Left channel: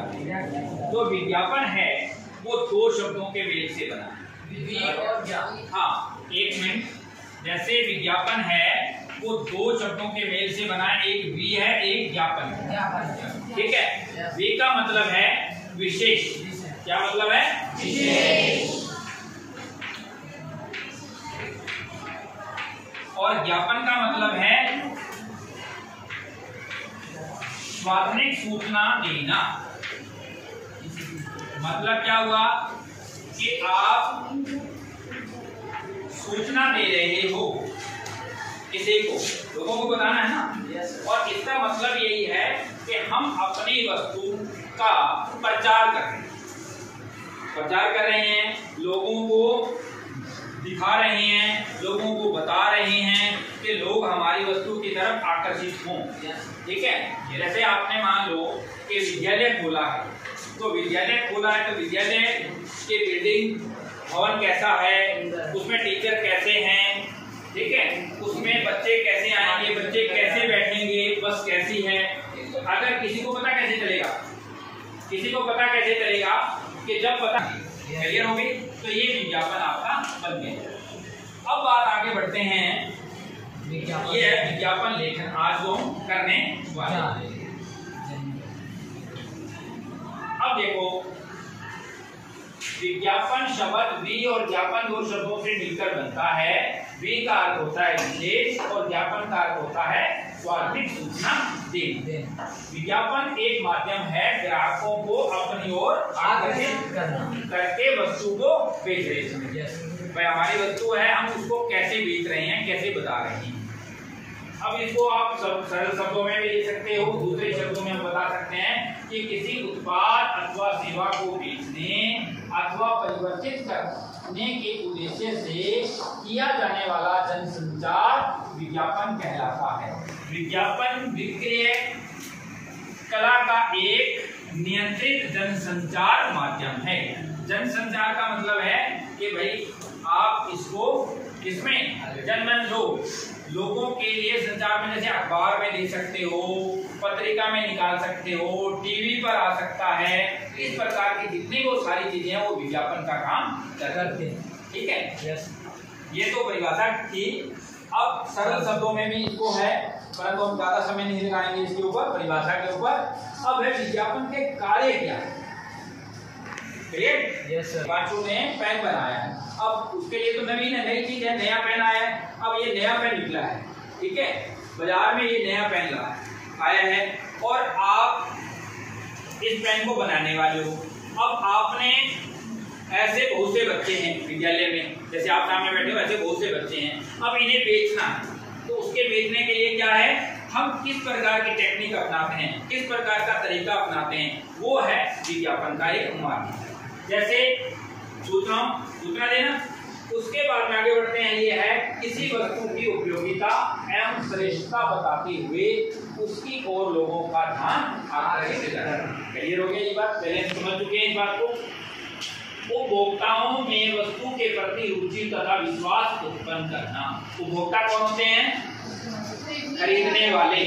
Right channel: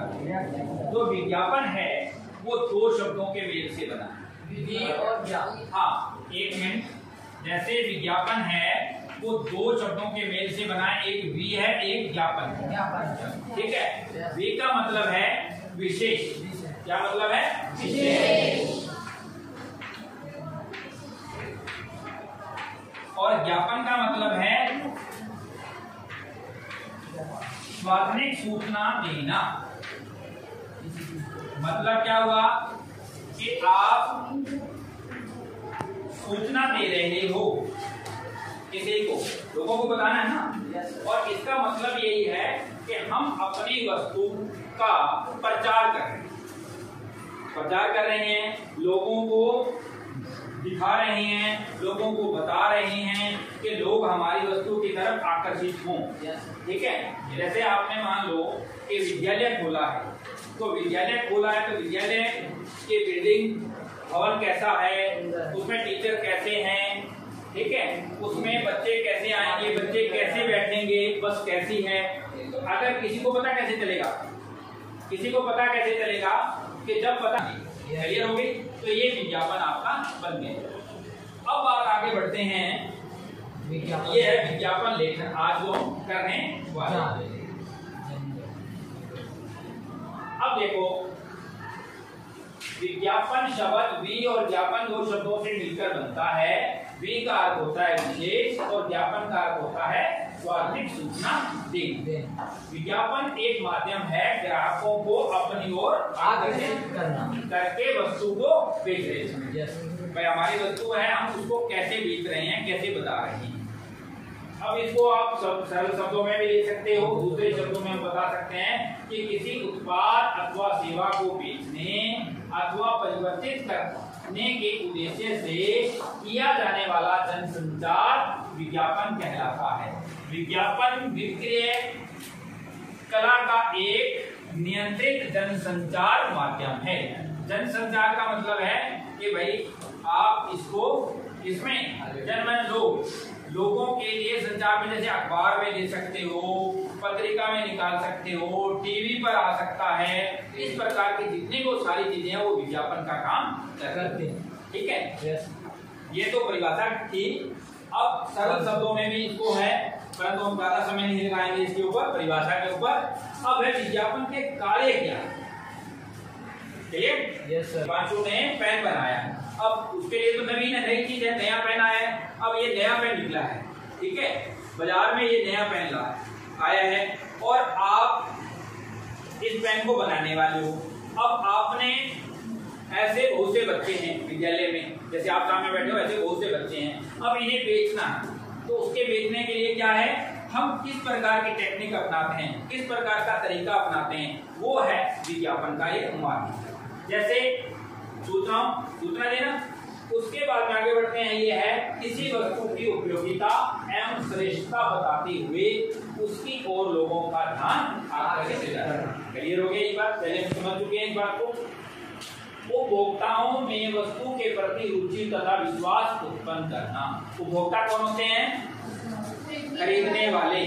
जाते हैं। जो विज्ञापन है वो दो शब्दों के मेल से बना है, वी और ज्ञा। हाँ, एक मिनट। जैसे विज्ञापन है वो दो शब्दों के मेल से बना है, एक वी है, एक ज्ञापन है। ठीक है। वी का मतलब है विशेष। क्या मतलब है? विशेष। और ज्ञापन का मतलब है सार्वजनिक सूचना देना। मतलब क्या हुआ कि आप सूचना दे रहे हो किसी को, लोगों को बताना है ना। और इसका मतलब यही है कि हम अपनी वस्तु का प्रचार कर रहे हैं, लोगों को दिखा रहे हैं, लोगों को बता रहे हैं कि लोग हमारी वस्तु की तरफ आकर्षित हों। ठीक है। जैसे आपने मान लो कि विद्यालय खोला है, तो विद्यालय खोला है तो विद्यालय की बिल्डिंग भवन कैसा है, उसमें टीचर कैसे हैं, ठीक है, उसमें बच्चे कैसे आएंगे, बच्चे कैसे बैठेंगे, बस कैसी है। अगर किसी को पता कैसे चलेगा, कि जब पता क्लियर हो गई तो ये विज्ञापन आपका बन गया। अब बात आगे बढ़ते हैं, ये है विज्ञापन लेखन आज जो करने वाले। अब देखो, विज्ञापन शब्द वी और ज्ञापन दो शब्दों से मिलकर बनता है। वी का अर्थ होता है विशेष और ज्ञापन का अर्थ होता है सार्वजनिक सूचना देना। विज्ञापन एक माध्यम है ग्राहकों को अपनी ओर आकर्षित करके वस्तु को बेच रहे हैं। भाई हमारी वस्तु है, हम उसको कैसे बेच रहे हैं, कैसे बता रहे हैं। अब इसको आप सरल शब्दों में भी ले सकते हो, दूसरे शब्दों में बता सकते हैं कि किसी उत्पाद अथवा सेवा को बेचने अथवा परिवर्तित करने के उद्देश्य से किया जाने वाला जनसंचार विज्ञापन कहलाता है। विज्ञापन विक्रय कला का एक नियंत्रित जनसंचार माध्यम है। जनसंचार का मतलब है कि भाई आप इसको किसमें जनमन लोगों के लिए संचार में, जैसे अखबार में दे सकते हो, पत्रिका में निकाल सकते हो, टीवी पर आ सकता है। इस प्रकार की जितनी वो सारी चीजें हैं वो विज्ञापन का काम करते हैं। ठीक है। ये तो परिभाषा थी। अब सरल शब्दों में भी इसको है, परंतु हम ज्यादा समय नहीं लगाएंगे इसके ऊपर, परिभाषा के ऊपर। अब है विज्ञापन के कार्य क्या है। पांचों ने पेन बनाया है, अब उसके लिए तो नई चीज है, नया पेन आया है। अब ये नया पेन निकला है, ठीक है, बाजार में ये नया पेन आया है और आप इस पेन को बनाने वाले हो। अब आपने ऐसे बहुत से बच्चे हैं विद्यालय में, जैसे आप सामने बैठे हो ऐसे बहुत से बच्चे हैं, अब इन्हें बेचना है। तो उसके बेचने के लिए क्या है, हम किस प्रकार की टेक्निक अपनाते हैं, किस प्रकार का तरीका अपनाते हैं, वो है विज्ञापन का एक माध्यम। जैसे सूचना देना, उसके बाद में आगे बढ़ते हैं, ये है किसी वस्तु की उपयोगिता एवं श्रेष्ठता बताते हुए उसकी ओर लोगों का ध्यान आकर्षित करना। क्लियर हो गया ये बात, पहले समझ चुके हैं इस बात को। उपभोक्ताओं में वस्तु के प्रति रुचि तथा विश्वास उत्पन्न करना। उपभोक्ता कौन होते हैं? खरीदने वाले।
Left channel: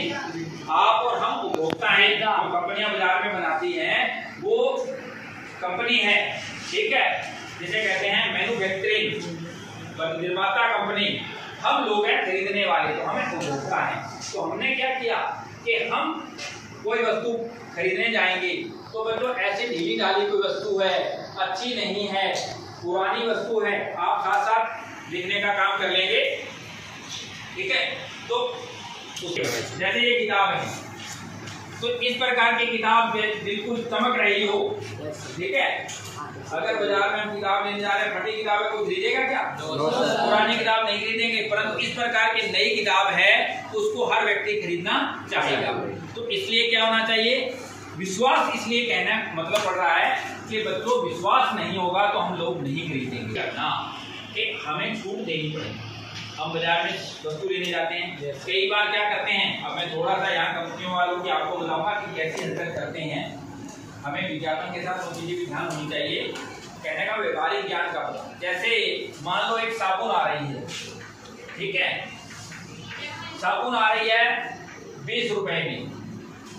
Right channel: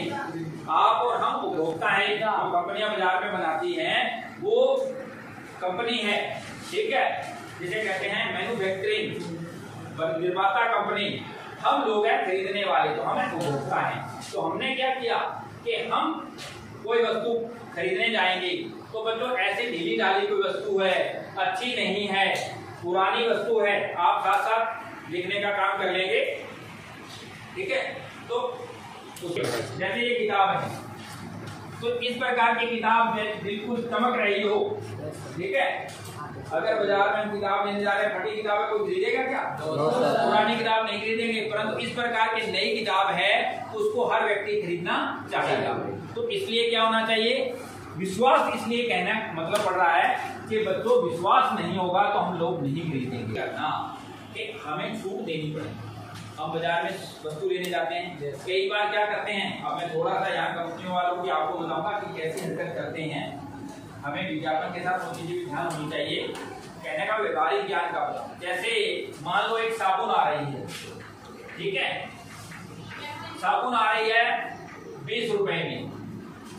आप और हम उपभोक्ता हैं। जो कंपनियां बाजार में बनाती हैं वो कंपनी है, ठीक है, जिसे कहते हैं मैन्युफैक्चरिंग, निर्माता कंपनी। हम लोग हैं खरीदने वाले, तो हमें उपभोक्ता हैं। तो हमने क्या किया कि हम कोई वस्तु खरीदने जाएंगे तो बच्चों ऐसी ढीली ढाली कोई वस्तु है, अच्छी नहीं है, पुरानी वस्तु है, आप साथ साथ लिखने का काम कर लेंगे, ठीक है। तो जैसे ये किताब है, तो इस प्रकार की किताब बिल्कुल चमक रही हो, ठीक है। अगर बाजार में हम किताब लेने जा रहे हैं, फटी किताब है, कोई खरीदेगा क्या? पुरानी किताब नहीं खरीदेंगे। परंतु इस प्रकार की नई किताब है, उसको हर व्यक्ति खरीदना चाहेगा। तो इसलिए क्या होना चाहिए, विश्वास। इसलिए कहना मतलब पड़ रहा है कि बच्चों विश्वास नहीं होगा तो हम लोग नहीं खरीदेंगे ना, हमें छूट देनी पड़ेगी। हम बाजार में वस्तु लेने जाते हैं, कई बार क्या करते हैं, अब मैं थोड़ा सा यहाँ कंपनियों वालों की आपको बताऊंगा कि कैसी हरकत करते हैं। हमें विज्ञापन के साथ वो चीजें भी ध्यान होनी चाहिए। कहने का व्यावहारिक ज्ञान का, जैसे मान लो एक साबुन आ रही है, ठीक है, साबुन आ रही है 20 रुपए में,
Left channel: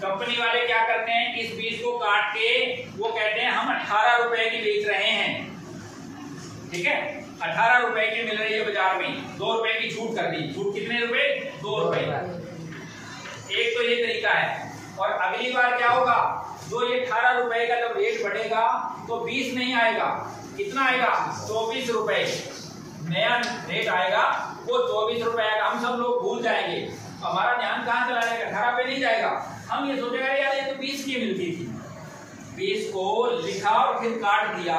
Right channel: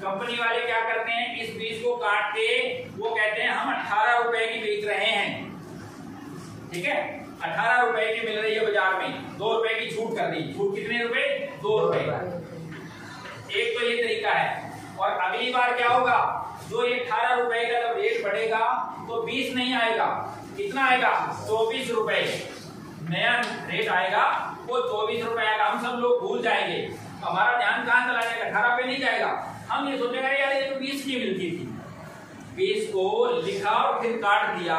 कंपनी वाले क्या करते हैं, इस 20 को काट के वो कहते हैं हम 18 रुपए की बेच रहे हैं। ठीक है, 18 रुपए की मिल रही है बाजार में, 2 रुपए की छूट कर दी। छूट कितने रुपए? 2 रुपए। एक तो ये तरीका है। और अगली बार क्या होगा, जो ये 18 रुपए का जब रेट बढ़ेगा तो 20 नहीं आएगा, कितना आएगा? 24 रुपए। नया रेट आएगा वो 24 रुपए आएगा। हम सब लोग भूल जाएंगे, हमारा ध्यान कहाँ चला जाएगा? 18 पे नहीं जाएगा। हम ये सोचेगा यार ये तो 20 की मिलती थी। 20 को लिखा और फिर काट दिया,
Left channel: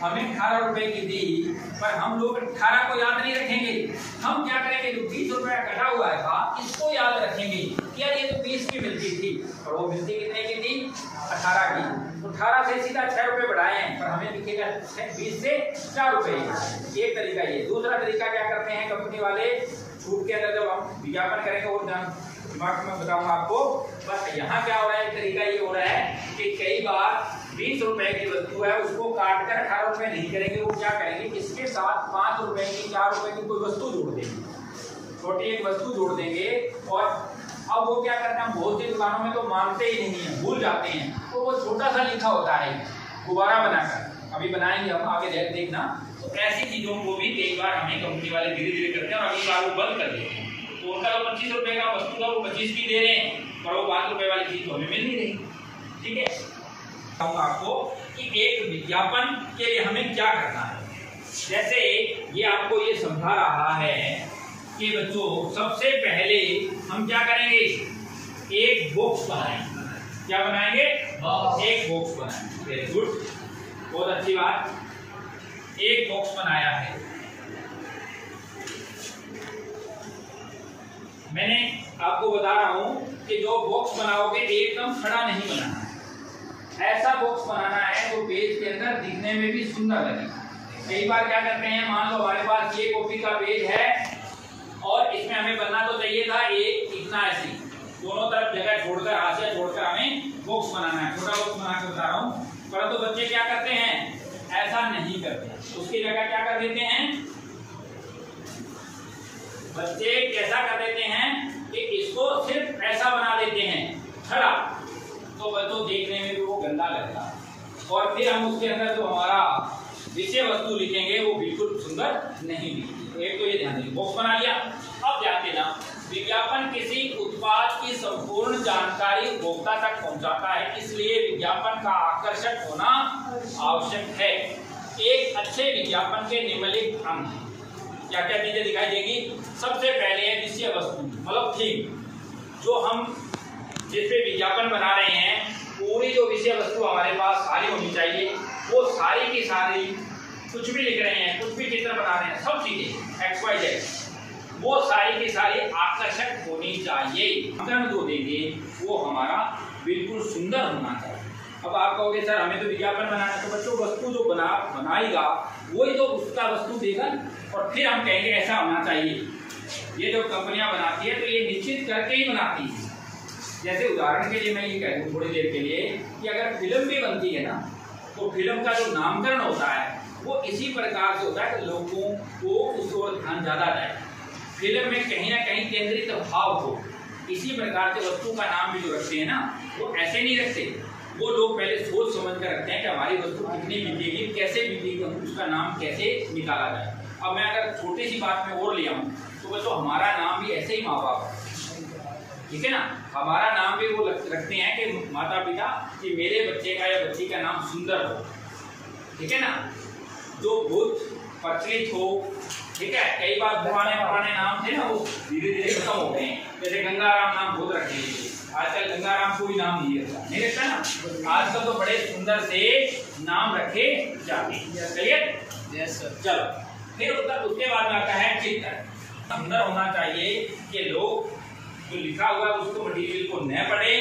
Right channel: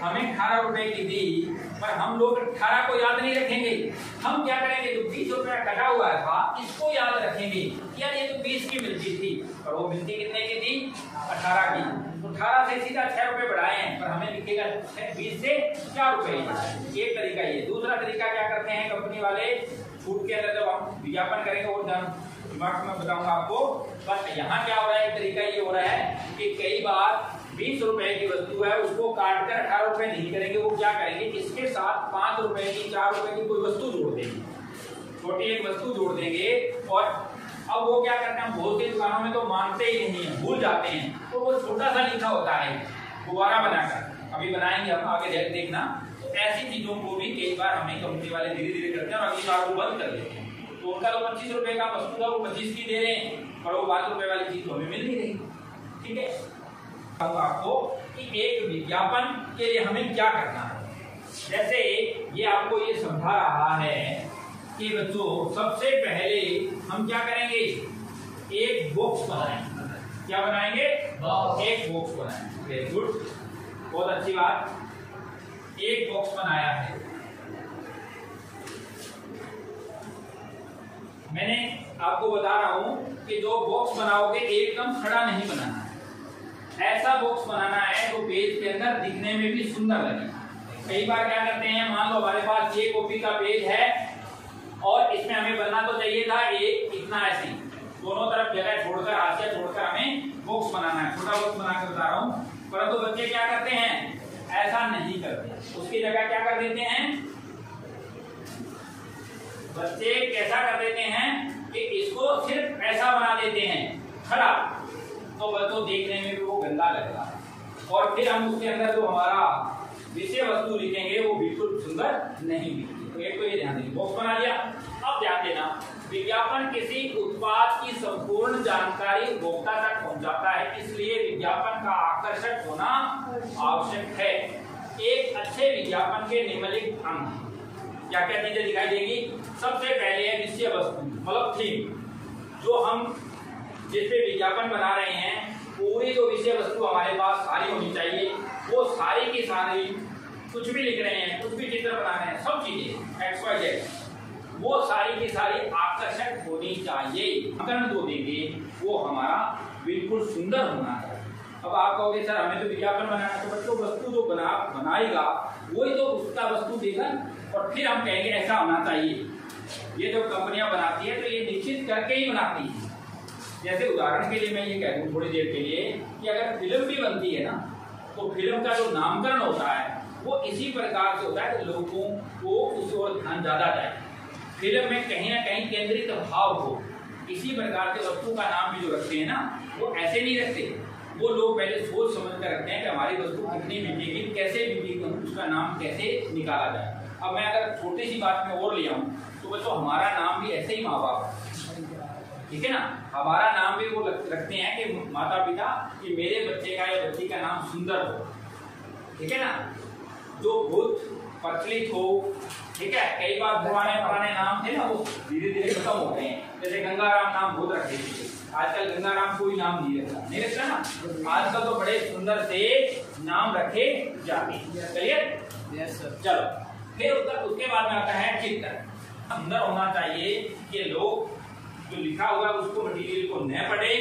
हमें 18 रुपए की दी, पर हम लोग 18 को याद नहीं रखेंगे। हम क्या करेंगे, जो 20 रुपया कटा हुआ था इसको याद रखेंगे कि यार ये तो 20 की मिलती थी, और वो मिलती कितने की थी? 18 की। तो 18 से सीधा 6 रुपए बढ़ाए हैं, पर हमें लिखेगा 20 से 4 रुपए। एक तरीका ये। दूसरा तरीका क्या करते हैं कंपनी वाले, छूट के अंदर जब हम विज्ञापन करेंगे और दिमाग में बताऊंगा आपको, बस यहाँ क्या हो रहा है, तरीका ये हो रहा है कि कई बार 20 रुपए की वस्तु है उसको काट कर 18 रुपए नहीं करेंगे, वो क्या करेंगे, इसके साथ 5 रुपए की 4 रुपए की कोई वस्तु जोड़ देंगे, छोटी एक वस्तु जोड़ देंगे। और अब वो क्या करते हैं, बहुत सी दुकानों में तो मानते ही नहीं है, भूल जाते हैं, तो वो छोटा सा लिखा होता है गुब्बारा बनाकर, अभी बनाएंगे हम आगे देखना। तो ऐसी चीजों को भी कई बार हमें कंपनी वाले धीरे धीरे करते हैं और अगली बार वो बंद कर देते हैं। तो उनका तो 25 रुपए का वस्तु था वो 25 की दे रहे हैं, पर वो 5 रुपए वाली चीज तो हमें मिल नहीं रही। ठीक है, आपको कि एक विज्ञापन के लिए हमें क्या करना है। जैसे ये आपको ये समझा रहा है कि बच्चों सबसे पहले हम क्या करेंगे, एक बॉक्स बनाएंगे। क्या बनाएंगे? एक बॉक्स बनाएंगे। वेरी गुड, बहुत अच्छी बात। एक बॉक्स बनाया है मैंने, आपको बता रहा हूं कि जो बॉक्स बनाओगे एकदम खड़ा नहीं बनाना है, ऐसा बॉक्स बनाना है तो पेज के अंदर दिखने में भी सुंदर लगे। कई बार क्या करते हैं, मान लो हमारे पास ये कॉपी का पेज है और इसमें हमें बनना तो चाहिए था एक इतना ऐसी, दोनों तरफ जगह छोड़कर, हाशिया छोड़कर हमें बॉक्स बनाना है, छोटा बॉक्स बना के बता रहा हूँ। परंतु बच्चे क्या करते हैं, ऐसा नहीं करते, उसकी जगह क्या कर देते हैं बच्चे, कैसा कर देते हैं कि इसको सिर्फ ऐसा बना देते हैं खड़ा, तो बच्चों देखने में भी वो गंदा लगता है, और फिर हम उसके अंदर जो हमारा विषय वस्तु लिखेंगे वो बिल्कुल सुंदर नहीं दिखती। एक तो ये ध्यान दें, बॉक्स बना लिया। अब ध्यान देना, विज्ञापन किसी उत्पाद की संपूर्ण जानकारी उपभोक्ता तक पहुंचाता है, इसलिए विज्ञापन का आकर्षक होना आवश्यक है। एक अच्छे विज्ञापन के निम्नलिखित अंग क्या क्या चीजें दिखाई देगी। सबसे पहले है विषय वस्तु, मतलब थीम, जो हम जिस पे विज्ञापन बना रहे हैं पूरी जो विषय वस्तु हमारे पास सारी होनी चाहिए, वो सारी की सारी, कुछ भी लिख रहे हैं, कुछ भी चित्र बना रहे हैं, सब चीजें XYZ, वो सारी की सारी आकर्षक होनी चाहिए। नामकरण जो देंगे वो हमारा बिल्कुल सुंदर होना चाहिए। अब आप कहोगे सर हमें तो विज्ञापन बनाना है, तो बच्चों वस्तु जो बनाएगा वही तो उसका वस्तु देगा, और फिर हम कहेंगे ऐसा होना चाहिए। ये जो कंपनियां बनाती है तो ये निश्चित करके ही बनाती है। जैसे उदाहरण के लिए मैं ये कह दूं थोड़ी देर के लिए कि अगर फिल्म भी बनती है ना, तो फिल्म का जो नामकरण होता है वो इसी प्रकार से होता है कि लोगों को उस ओर ध्यान ज्यादा जाए, फिल्म में कहीं ना कहीं केंद्रित भाव हो। इसी प्रकार से वस्तु का नाम भी जो रखते हैं ना, वो ऐसे नहीं रखते, वो लोग पहले सोच समझ कर रखते हैं कि हमारी वस्तु कितनी बिकेगी, कैसे बिकेगी, उसका नाम कैसे निकाला जाए। अब मैं अगर छोटी सी बात में और ले आऊं तो बच्चों हमारा नाम भी ऐसे ही माँ बाप, ठीक है ना, हमारा नाम भी वो रखते हैं कि माता पिता, कि मेरे बच्चे का या बच्ची का नाम सुंदर हो, ठीक है ना, जो बुद्ध प्रचलित हो। ठीक है, कई बार पुराने नाम थे ना वो धीरे धीरे खत्म हो गए हैं। जैसे गंगाराम नाम बहुत रखे थे, आजकल गंगाराम कोई नाम नहीं रखता ना, आजकल तो बड़े सुंदर से नाम रखे जाते हैं। क्लियर? Yes sir. चलो फिर उसके बाद में आता है चित्र। सुंदर होना चाहिए कि लोग जो लिखा हुआ उसको मटेरियल को न पढ़े,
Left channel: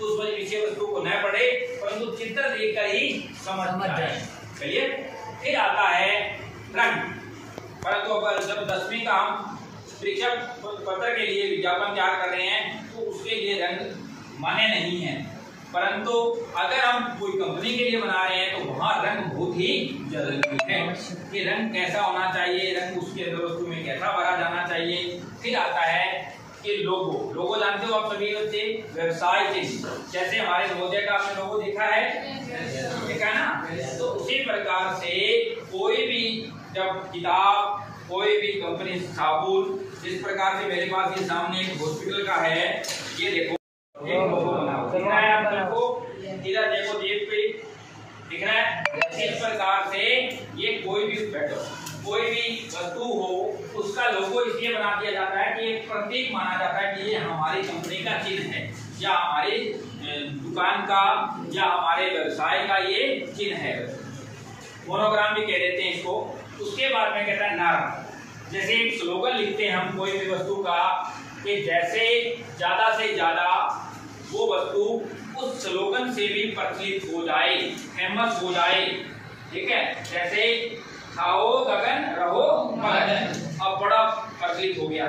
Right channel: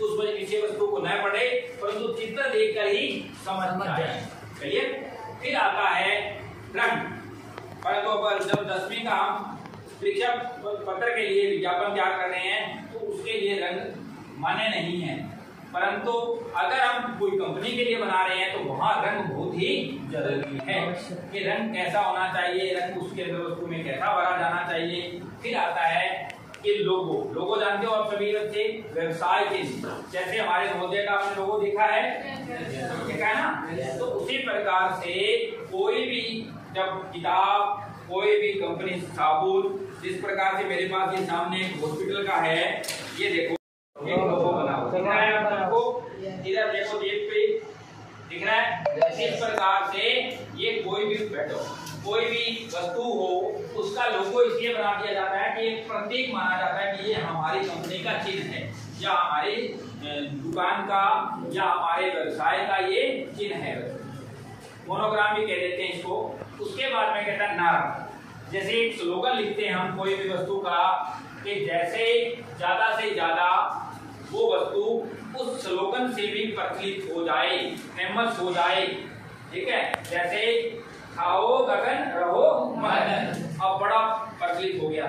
उस विषय वस्तु को न पढ़े, परंतु चित्र देखकर ही समझ जाए। क्लियर? फिर आता है रंग। परंतु जब 10वीं का हम परीक्षा पत्र के लिए विज्ञापन तैयार कर रहे हैं तो उसके लिए रंग मान्य नहीं है, परंतु अगर हम कोई कंपनी के लिए बना रहे हैं तो वहाँ रंग बहुत ही जरूरी है कि रंग कैसा होना चाहिए, रंग उसके अंदर वस्तु में कैसा भरा जाना चाहिए। फिर आता है कि लोगो जानते हो आप सभी बच्चे, व्यवसाय चिन्ह, जैसे हमारे नवोदय का आपने लोगो देखा है ना। तो उसी प्रकार से कोई भी जब किताब, कोई भी कंपनी, साबुन, जिस प्रकार से मेरे पास ये सामने एक हॉस्पिटल का है, ये देखो एक लोगो बना हुआ है आप सबको, इधर देखो जेब पे दिख रहा है। इस प्रकार से ये कोई भी बैठो कोई भी वस्तु हो उसका लोगो इसलिए बना दिया जाता है कि एक प्रतीक माना जाता है कि ये हमारी कंपनी का चिन्ह है, या हमारी दुकान का, या हमारे व्यवसाय का ये चिन्ह है। मोनोग्राम भी कह देते हैं इसको। उसके बाद में कहता है नारा, जैसे एक स्लोगन लिखते हैं हम कोई भी वस्तु का, कि जैसे ज्यादा से ज्यादा वो वस्तु उस स्लोगन से भी प्रचलित हो जाए, फेमस हो जाए। ठीक है, जैसे खाओ गगन रहो मगन, अब बड़ा प्रचलित हो गया।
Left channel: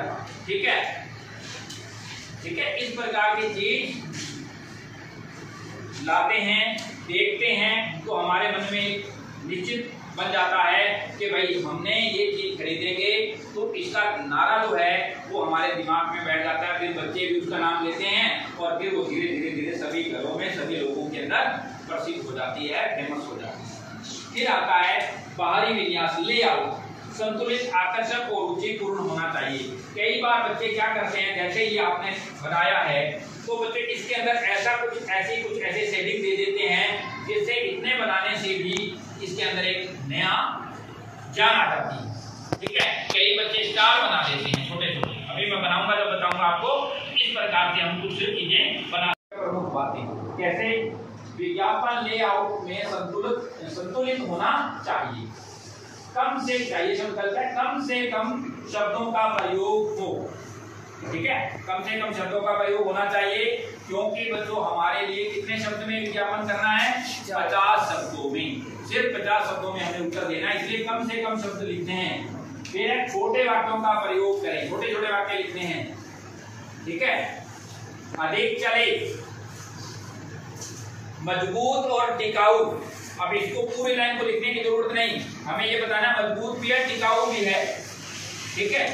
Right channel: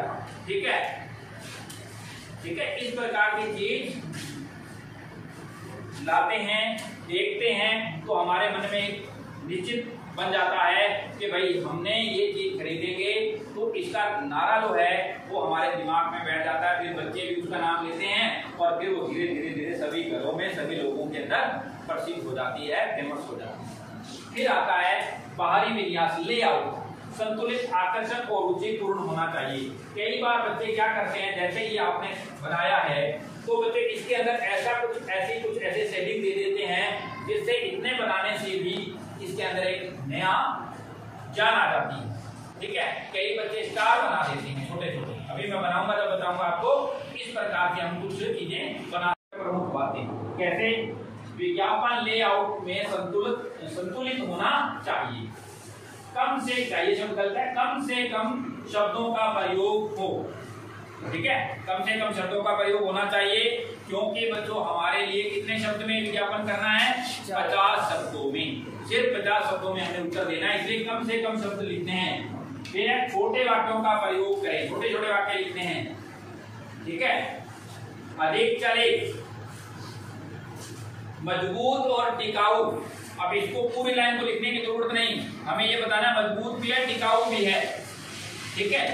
ठीक है, ठीक है, इस प्रकार की चीज लाते हैं, देखते हैं, तो हमारे मन में निश्चित बन जाता है कि भाई हमने ये चीज खरीदेंगे, तो इसका नारा जो है वो हमारे दिमाग में बैठ जाता है। फिर बच्चे भी उसका नाम लेते हैं और फिर वो धीरे धीरे धीरे सभी घरों में, सभी लोगों के अंदर प्रसिद्ध हो जाती है, फेमस हो जाती है। फिर आता है बाहरी विन्यास, लेआउट, संतुलित, आकर्षक और रुचिपूर्ण होना चाहिए। कई बार बच्चे क्या करते हैं, जैसे ही आपने बनाया है तो बच्चे इसके अंदर ऐसा कुछ ऐसे शेडिंग दे देते हैं जिससे इतने बनाने से भी इसके अंदर एक नया जान आ जाती है। ठीक है, कई बच्चे स्टार बना देते हैं छोटे छोटे, अभी मैं बनाऊंगा जब बताऊंगा आपको। इस प्रकार से हम कुछ चीजें बना, प्रमुख बातें कैसे विज्ञापन लेआउट में संतुलित होना चाहिए। कम से चाहिए शब्द गलत है, कम से कम शब्दों का प्रयोग हो। ठीक है, कम से कम शब्दों का प्रयोग होना चाहिए, क्योंकि बच्चों हमारे लिए कितने शब्द में विज्ञापन करना है, 50 शब्दों में, सिर्फ 50 शब्दों में हमें उत्तर देना है, इसलिए कम से कम शब्द लिखने हैं। फिर छोटे वाक्यों का प्रयोग करें, छोटे छोटे वाक्य लिखने हैं। ठीक है, अधिक चले, मजबूत और टिकाऊ। अब इसको पूरी लाइन को लिखने की जरूरत नहीं, हमें ये बताना मजबूत भी है, टिकाऊ भी है। ठीक है,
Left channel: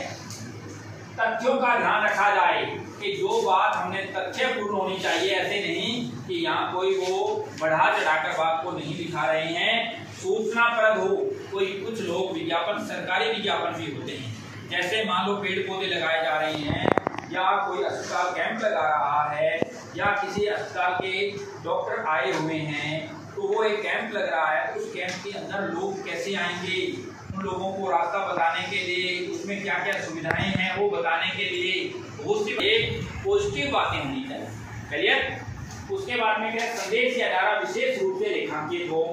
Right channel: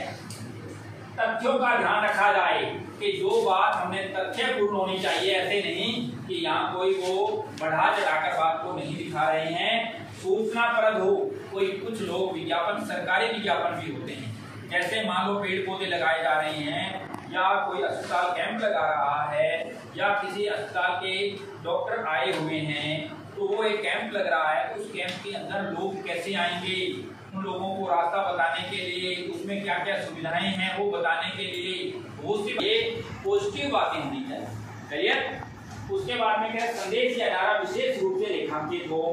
तथ्यों का ध्यान रखा जाए कि जो बात हमने तथ्यपूर्ण होनी चाहिए, ऐसे नहीं कि यहाँ कोई वो बढ़ा चढ़ाकर बात को नहीं दिखा रहे हैं। सूचनाप्रद हो, कोई कुछ लोग विज्ञापन, सरकारी विज्ञापन भी होते हैं, जैसे मान लो पेड़ पौधे लगाए जा रहे हैं, या कोई अस्पताल कैंप लगा रहा है, या किसी अस्पताल के डॉक्टर आए हुए हैं, तो वो एक कैंप लग रहा है, उस कैंप के अंदर लोग कैसे आएंगे, उन लोगों को रास्ता बताने के लिए, उसमें क्या क्या सुविधाएं हैं वो बताने के लिए, वो सिर्फ एक पॉजिटिव बातें होनी चाहिए। क्लियर। उसके बाद में क्या, संदेश या नारा विशेष रूप से रेखांकित हो,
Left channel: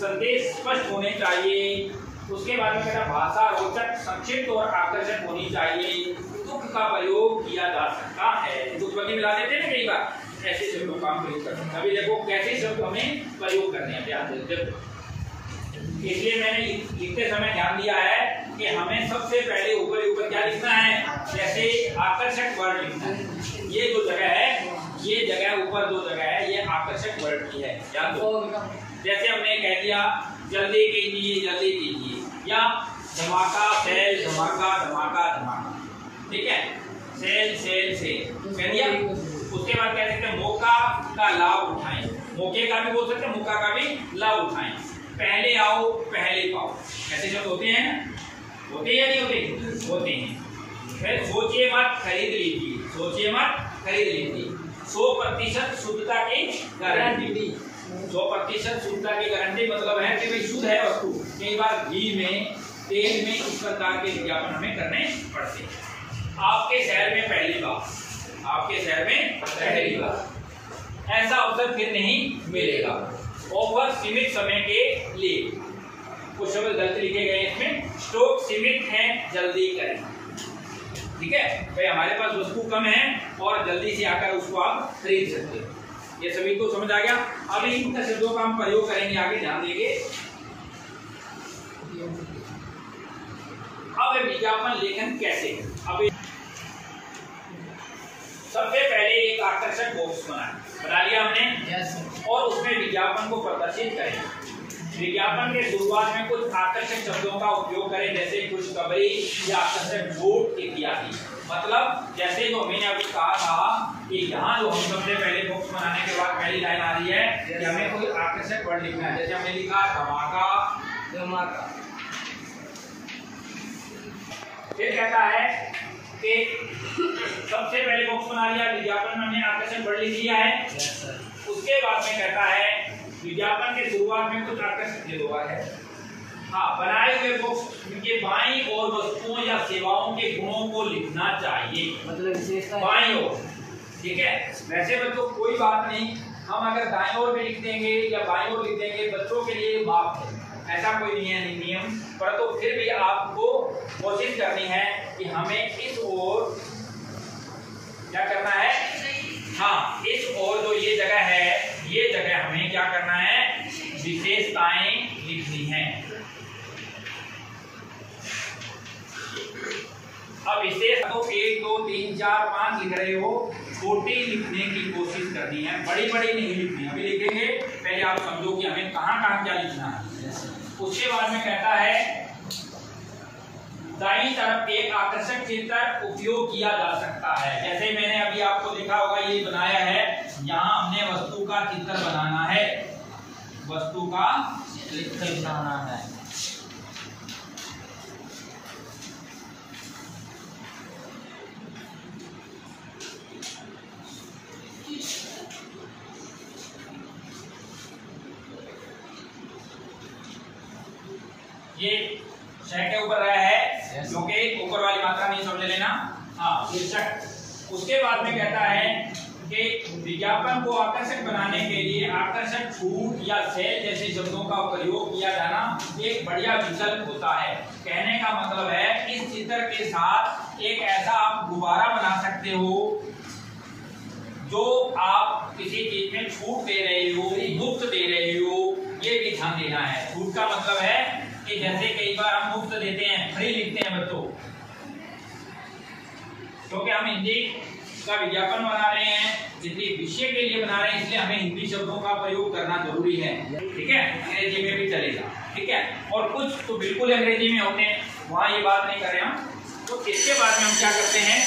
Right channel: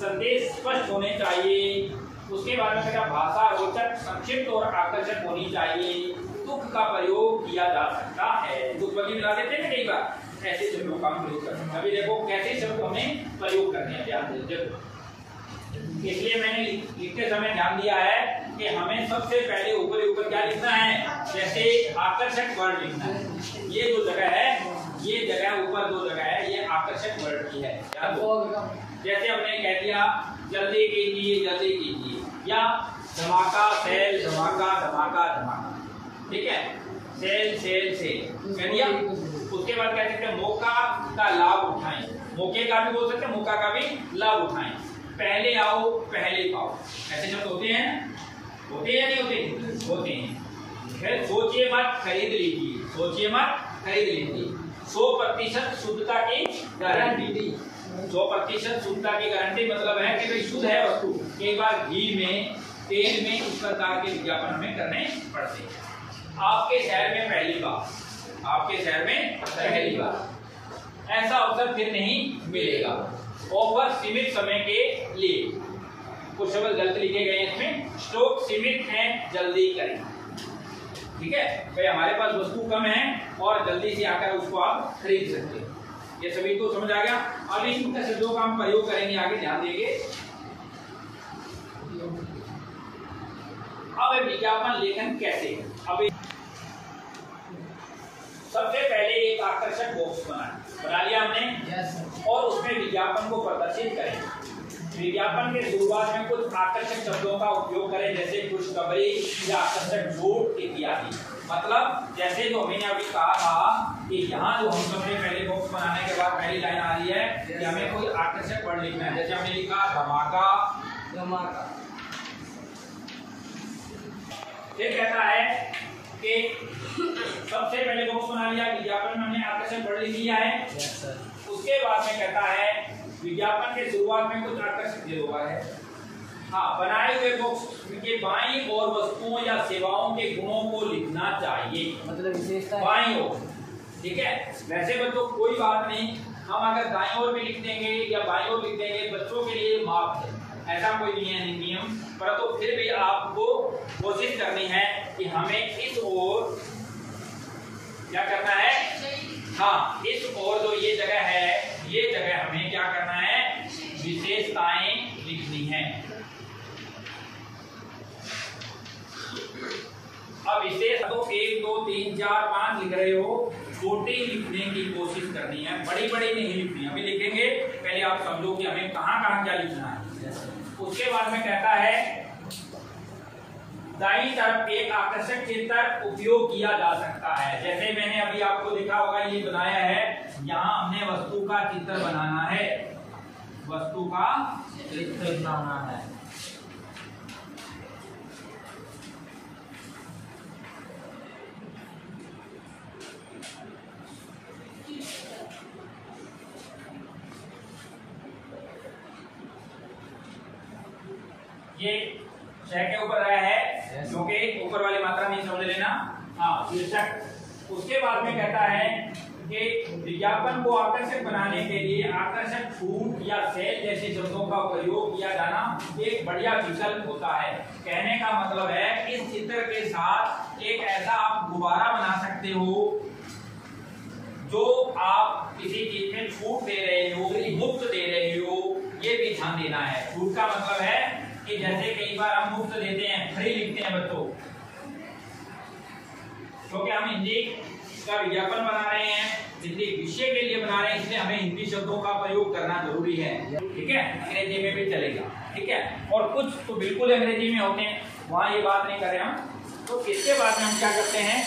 संदेश स्पष्ट होने चाहिए। उसके बाद में क्या, भाषा रोचक, संक्षिप्त और आकर्षक होनी चाहिए। तुक का प्रयोग किया जा सकता है, तुक मिला देते हैं कई बार, ऐसे शब्दों का प्रयोग करते हैं। अभी देखो कैसे शब्द हमें प्रयोग करने हैं, ध्यान देते। इसलिए मैंने लिखते समय ध्यान दिया है कि हमें सबसे पहले ऊपर क्या लिखना है, जैसे आकर्षक वर्ड लिखना है। ये जो जगह है, ये जगह ऊपर जो जगह है, ये आकर्षक वर्ड की है, याद दो। जैसे हमने कह दिया जल्दी कीजिए, या धमाका सेल, धमाका धमाका धमाका। ठीक है, सेल कह दिया। उसके बाद कह सकते हैं मौका का लाभ उठाएं, मौके का भी बोल सकते हैं, मौका का भी लाभ उठाएं। पहले आओ पहले पाओ, ऐसे शब्द होते हैं या नहीं होते? होते हैं। फिर सोचिए मत खरीद लीजिए, 100% शुद्धता की गारंटी। 100% शुद्धता की गारंटी मतलब है कि भाई शुद्ध है वस्तु। कई बार घी में, तेल में इस प्रकार के विज्ञापन हमें करने पड़ते हैं। आपके शहर में पहली बार ऐसा अवसर फिर नहीं मिलेगा। ऑफर सीमित समय के लिए, कुछ शब्द गलत लिखे गए इसमें, स्टॉक सीमित है, जल्दी करें। ठीक है भाई, हमारे पास वस्तु कम है और जल्दी से आकर उसको आप खरीद सकते हो। ये सभी को समझ आ गया। अब इन शब्दों का हम प्रयोग करेंगे आगे, ध्यान देंगे। अब विज्ञापन लेखन कैसे है। अब सबसे पहले एक आकर्षक बॉक्स बना लिया हमने, और उसमें विज्ञापन को प्रदर्शित करें। विज्ञापन के शुरुआत में कुछ आकर्षक शब्दों का उपयोग करें, जैसे खुशखबरी या आकर्षक छूट इत्यादि। मतलब जैसे जो मैंने अभी कहा था कि यहाँ जो हम सबसे पहले बॉक्स बनाने के बाद पहली लाइन आ रही है कि हमें कोई आकर्षक वर्ड लिखना है। जैसे हमने लिखा धमाका, धमाका। फिर कहता है कि सबसे पहले बॉक्स बना लिया, विज्ञापन में हमने आकर्षक वर्ड लिख लिया है। उसके बाद में कहता है विज्ञापन के शुरुआत में कुछ आकर्षक दे दो है। हाँ, बनाए हुए बॉक्स के बाईं ओर वस्तुओं या सेवाओं के गुणों को लिखना चाहिए, मतलब विशेषता बाईं ओर। ठीक है, वैसे बच्चों कोई बात नहीं, हम अगर दाईं ओर भी लिख देंगे या बाईं ओर लिख देंगे, बच्चों के लिए माफ है, ऐसा कोई नहीं है नियम। पर तो फिर भी आपको कोशिश करनी है कि हमें इस ओर क्या करना है। हाँ, इस ओर जो ये जगह है, ये जगह हमें क्या करना है, विशेषताएं लिखनी है। अब इसे तो 1 2 3 4 5 लिख रहे हो, छोटी लिखने की कोशिश करनी है, बड़ी बड़ी नहीं लिखनी। अभी लिखेंगे, पहले आप समझो कि हमें कहाँ कहाँ क्या लिखना है। उसके बाद में कहता है दाईं तरफ एक आकर्षक चित्र उपयोग किया जा सकता है। जैसे मैंने अभी आपको दिखा होगा, ये बनाया है, यहाँ हमने वस्तु का चित्र बनाना है, वस्तु का चित्र बनाना है। ये शय के ऊपर रहा है, जो कि ऊपर वाली मात्रा नहीं समझ लेना। हाँ, शीर्षक। उसके बाद में कहता है कि विज्ञापन को आकर्षक बनाने के लिए आकर्षक छूट या सेल जैसे शब्दों का प्रयोग किया जाना एक बढ़िया विकल्प होता है। कहने का मतलब है इस चित्र के साथ एक ऐसा आप गुब्बारा बना सकते हो जो आप किसी चीज में छूट दे रहे हो, मुफ्त दे रहे हो, ये भी ध्यान देना है। छूट का मतलब है कि जैसे कई बार हम मुफ्त देते हैं, फ्री लिखते हैं बच्चों, क्योंकि हम हिंदी का विज्ञापन बना रहे हैं, इसलिए विषय के लिए बना रहे हैं, इसलिए हमें हिंदी शब्दों का प्रयोग करना जरूरी है। ठीक है, अंग्रेजी में भी चलेगा। ठीक है, और कुछ तो बिल्कुल अंग्रेजी में होते हैं, वहां ये बात नहीं कर रहे हम। तो इसके बाद में हम क्या करते हैं,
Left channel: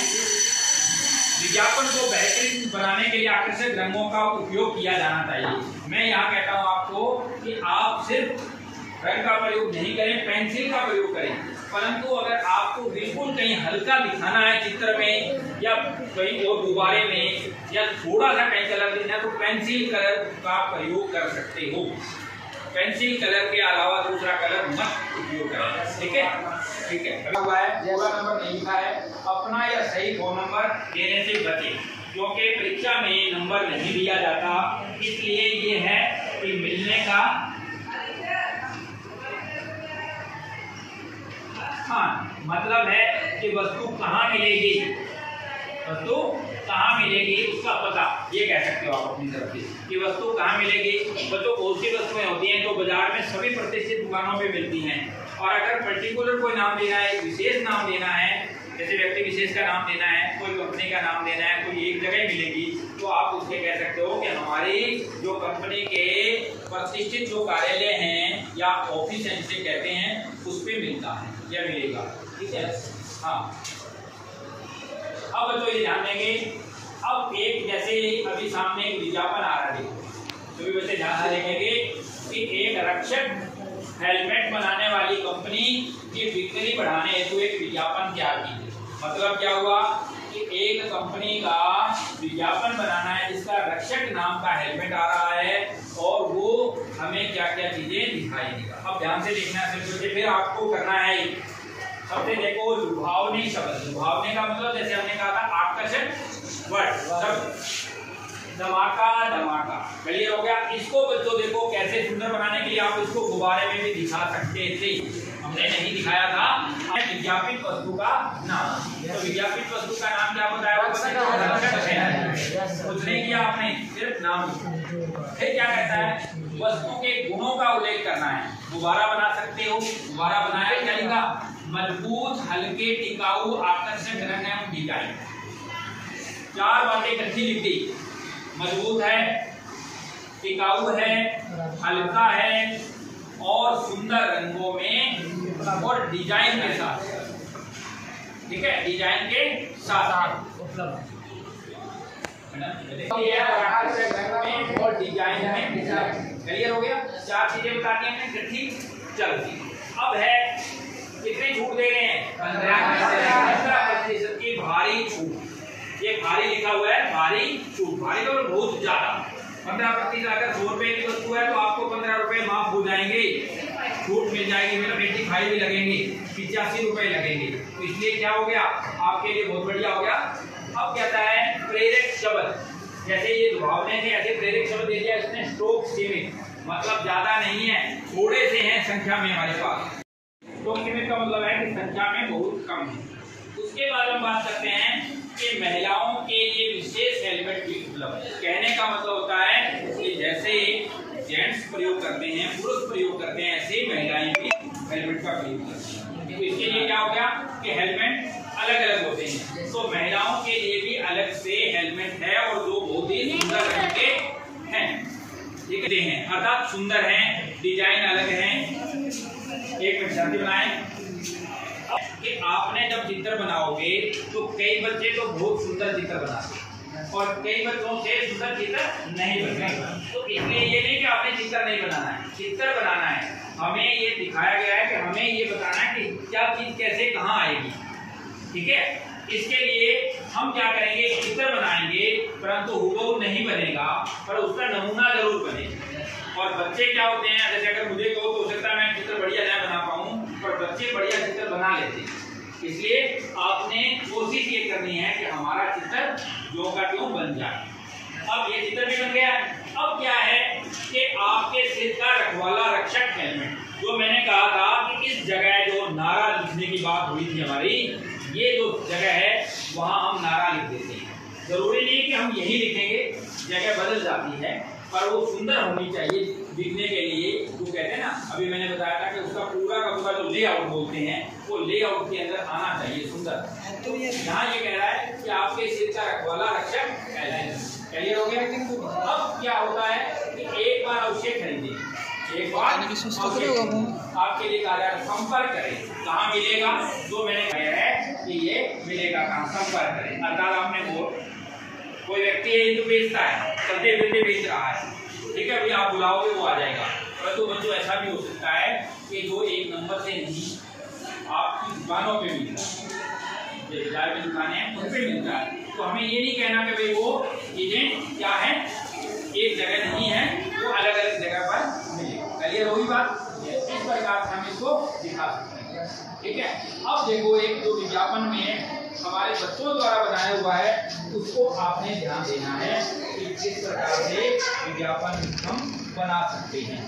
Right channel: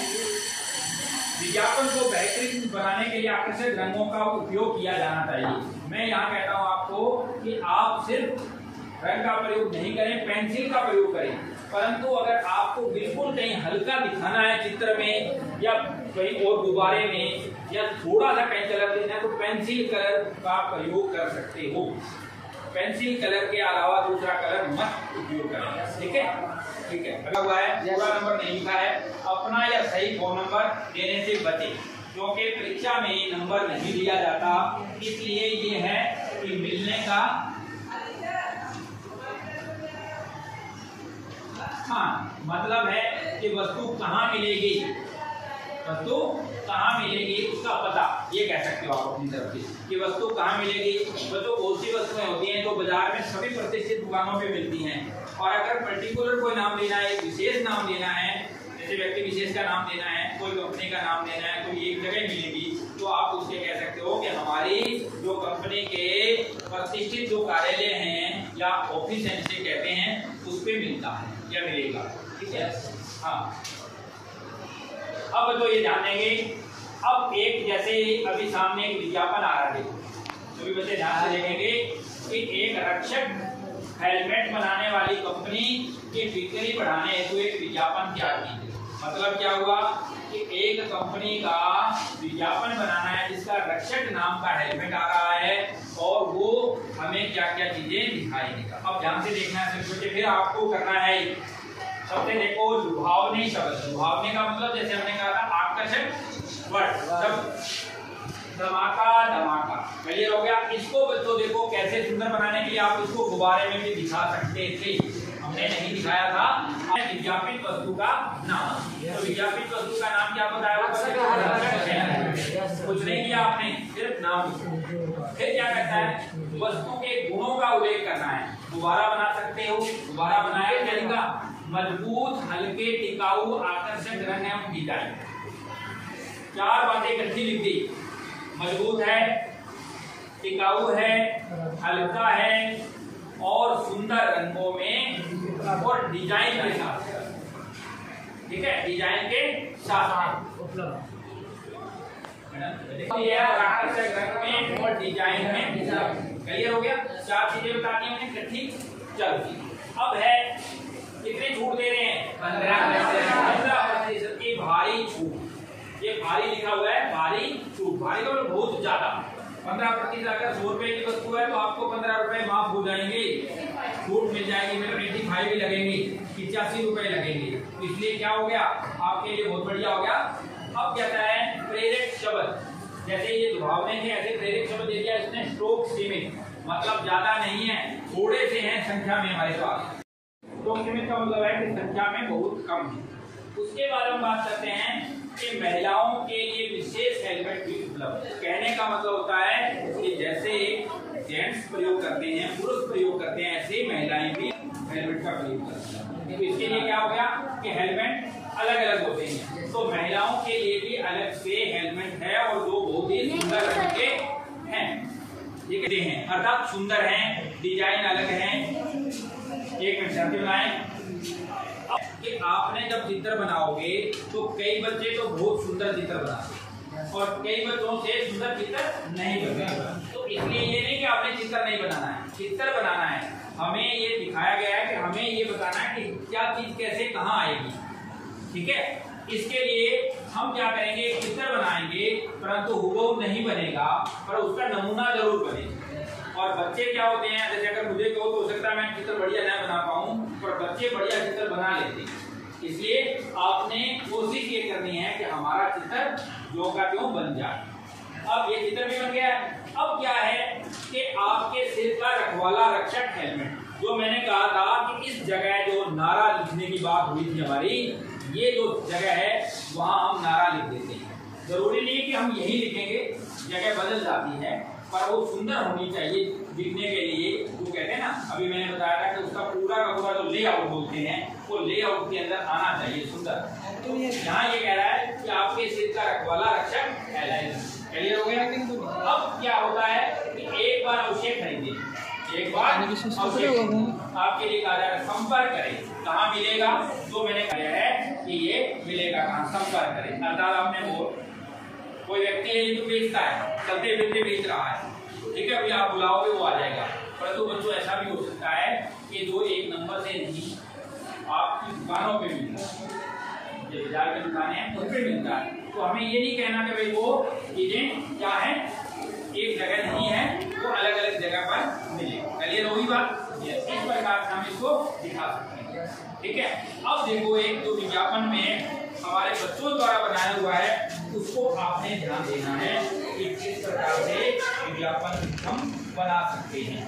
विज्ञापन को बेहतरीन बनाने के लिए आकर्षक रंगों का उपयोग किया जाना चाहिए। मैं यहाँ कहता हूँ आपको कि आप सिर्फ रंग का प्रयोग नहीं करें, पेंसिल का प्रयोग करें। परंतु अगर आपको बिल्कुल कहीं हल्का दिखाना है चित्र में या कहीं और गुब्बारे में या थोड़ा सा कहीं कलर देना है, तो पेंसिल कलर का प्रयोग कर सकते हो। पेंसिल कलर के अलावा दूसरा कलर मत उपयोग करें। ठीक है, ठीक है। हुआ है, पूरा नंबर नहीं लिखा है, अपना या सही फोन नंबर देने से बचे, क्योंकि परीक्षा में नंबर नहीं दिया जाता, इसलिए ये है कि मिलने का। हाँ, मतलब है कि वस्तु कहाँ मिलेगी, वस्तु कहाँ मिलेगी उसका पता, ये कह सकते हो आप अपनी तरफ से कि वस्तु कहाँ मिलेगी। बच्चों बहुत सी वस्तुएं होती हैं जो बाजार में सभी प्रतिष्ठित दुकानों पे मिलती हैं, और अगर पर्टिकुलर कोई नाम देना है, विशेष नाम देना है, जैसे व्यक्ति विशेष का नाम देना है, कोई कंपनी का नाम देना है, कोई एक जगह मिलेगी, तो आप उसके कह सकते हो कि हमारी जो कंपनी के प्रतिष्ठित जो कार्यालय हैं या ऑफिस हैं जिसे कहते हैं, उस पर मिलता है या मिलेगा। ठीक है, हाँ। अब तो ये ध्यान देंगे, अब एक जैसे अभी सामने एक विज्ञापन आ रहा है, तो भी बच्चे ध्यान से देखेंगे कि एक रक्षक हेलमेट बनाने वाली कंपनी की बिक्री बढ़ाने हेतु एक विज्ञापन तैयार की। मतलब क्या हुआ कि एक कंपनी का विज्ञापन बनाना है जिसका रक्षक नाम का हेलमेट आ रहा है, और वो हमें क्या क्या चीजें दिखाएगी। अब ध्यान से देखना है, क्योंकि फिर आपको करना है। सबसे देखो, लुभावनी शब्द। लुभावनी का मतलब जैसे हमने कहा था आकर्षक वर्ड, धमाका, धमाका, क्लियर हो गया। इसको बच्चों देखो कैसे सुंदर बनाने के लिए आप इसको गुब्बारे में भी दिखा सकते थे, हमने नहीं दिखाया था। विज्ञापित वस्तु का नाम, तो विज्ञापित वस्तु का नाम क्या बताया, कुछ नहीं किया आपने, सिर्फ नाम। फिर क्या कहता है, वस्तु के गुणों का उल्लेख करना है। गुब्बारा बना सकते हो, गुब्बारा बनाया जाएगा, मजबूत, हल्के, टिकाऊ, आकर्षक रंग एवं डिजाइन। 4 बातें इकट्ठी लिख दी, मजबूत है, टिकाऊ है, हल्का है और सुंदर रंगों में और डिजाइन के साथ। ठीक है, डिजाइन के साथ उपलब्ध और डिजाइन में। क्लियर हो गया? 4 चीजें बतानी है हमने, ठीक। चलो अब है कितनी छूट दे रहे हैं? 15% की भारी छूट। ये भारी लिखा हुआ है, भारी छूट। भारी तो बहुत ज्यादा। 15% अगर 100 रुपए की वस्तु है तो आपको 15 रुपए माफ हो जाएंगे, छूट मिल जाएगी। मतलब 85 भी लगेंगे, 85 रुपए लगेंगे। तो इसलिए क्या हो गया आपके लिए, बहुत बढ़िया हो गया। अब कहता है प्रेरक शब्द, जैसे ये दुभावने थे ऐसे प्रेरक शब्द दे दिया इसने। स्टोक सीमित, मतलब ज्यादा नहीं है, थोड़े से हैं संख्या में हमारे पास। स्टोक सीमित का मतलब है कि संख्या में बहुत कम है। उसके बाद हम बात करते हैं कि महिलाओं के लिए विशेष हेलमेट भी उपलब्ध है। कहने का मतलब होता है कि जैसे जेंट्स प्रयोग करते हैं, पुरुष प्रयोग करते हैं, ऐसे महिलाएं भी हेलमेट का प्रयोग करती हैं। तो इसके लिए क्या हो गया कि हेलमेट अलग अलग होते हैं। तो महिलाओं के लिए भी अलग से हेलमेट है और जो बहुत ही सुंदर रंग के हैं, ठीक है, अर्थात सुंदर हैं, डिजाइन अलग हैं। एक मिनट शांति बनाएं कि आपने जब चित्र बनाओगे तो कई बच्चे तो बहुत सुंदर चित्र बनाते हैं और कई बच्चों से सुंदर चित्र नहीं बनते। तो इसलिए ये नहीं कि आपने चित्र नहीं बनाना है, चित्र बनाना है। हमें ये दिखाया गया है कि हमें ये बताना है कि क्या चीज कैसे कहाँ आएगी, ठीक है। इसके लिए हम क्या करेंगे, चित्र बनाएंगे, परंतु हुबहू नहीं बनेगा, पर उसका नमूना जरूर बनेगा। और बच्चे क्या होते हैं, जैसे अगर मुझे कहो तो हो सकता है मैं चित्र बढ़िया ना बना पाऊं, पर बच्चे बढ़िया चित्र बना लेते हैं। इसलिए आपने कोशिश ये करनी है कि हमारा चित्र जो का त्यों बन जाए। अब ये चित्र भी बन गया। अब क्या है कि आपके सिर का रखवाला रक्षक हेलमेट, जो मैंने कहा था कि इस जगह जो नारा लिखने की बात हुई थी हमारी, ये जो जगह है वहां हम नारा लिख देते हैं। जरूरी नहीं कि हम यही लिखेंगे, जगह बदल जाती है, पर वो सुंदर होनी चाहिए दिखने के लिए। वो कहते हैं ना, अभी मैंने बताया था कि उसका पूरा का पूरा जो लेआउट बोलते हैं, वो लेआउट के अंदर आना चाहिए सुंदर। तो यहाँ ये कह रहा है कि आपके सिर का रखवाला रक्षक हेलमेट। क्लियर हो गया? अब क्या होता है कि एक बार अवश्य खरीदें, एक बार आपके लिए कहा जाएगा संपर्क करें। कहाँ मिलेगा? जो मैंने कहा है कि ये मिलेगा कहाँ, संपर्क करें। अर्थात आपने कोई व्यक्ति है जो बेचता है, चलते फिरते बेच रहा है, ठीक है, अभी आप बुलाओगे वो आ जाएगा। परंतु बच्चों ऐसा भी हो सकता है कि जो एक नंबर से नहीं आपकी दुकानों पे मिलता है, जो बाजार की दुकानें हैं उन पे मिलता है। तो हमें ये नहीं कहना कि भाई वो चीजें क्या है, एक जगह नहीं है, वो अलग अलग जगह पर मिलेगा। क्लियर होगी बात? इस प्रकार से हम इसको दिखा सकते हैं, ठीक है। अब देखो, एक जो विज्ञापन में हमारे बच्चों द्वारा बनाया हुआ है, उसको आपने ध्यान देना है कि किस प्रकार से विज्ञापन हम बना सकते हैं।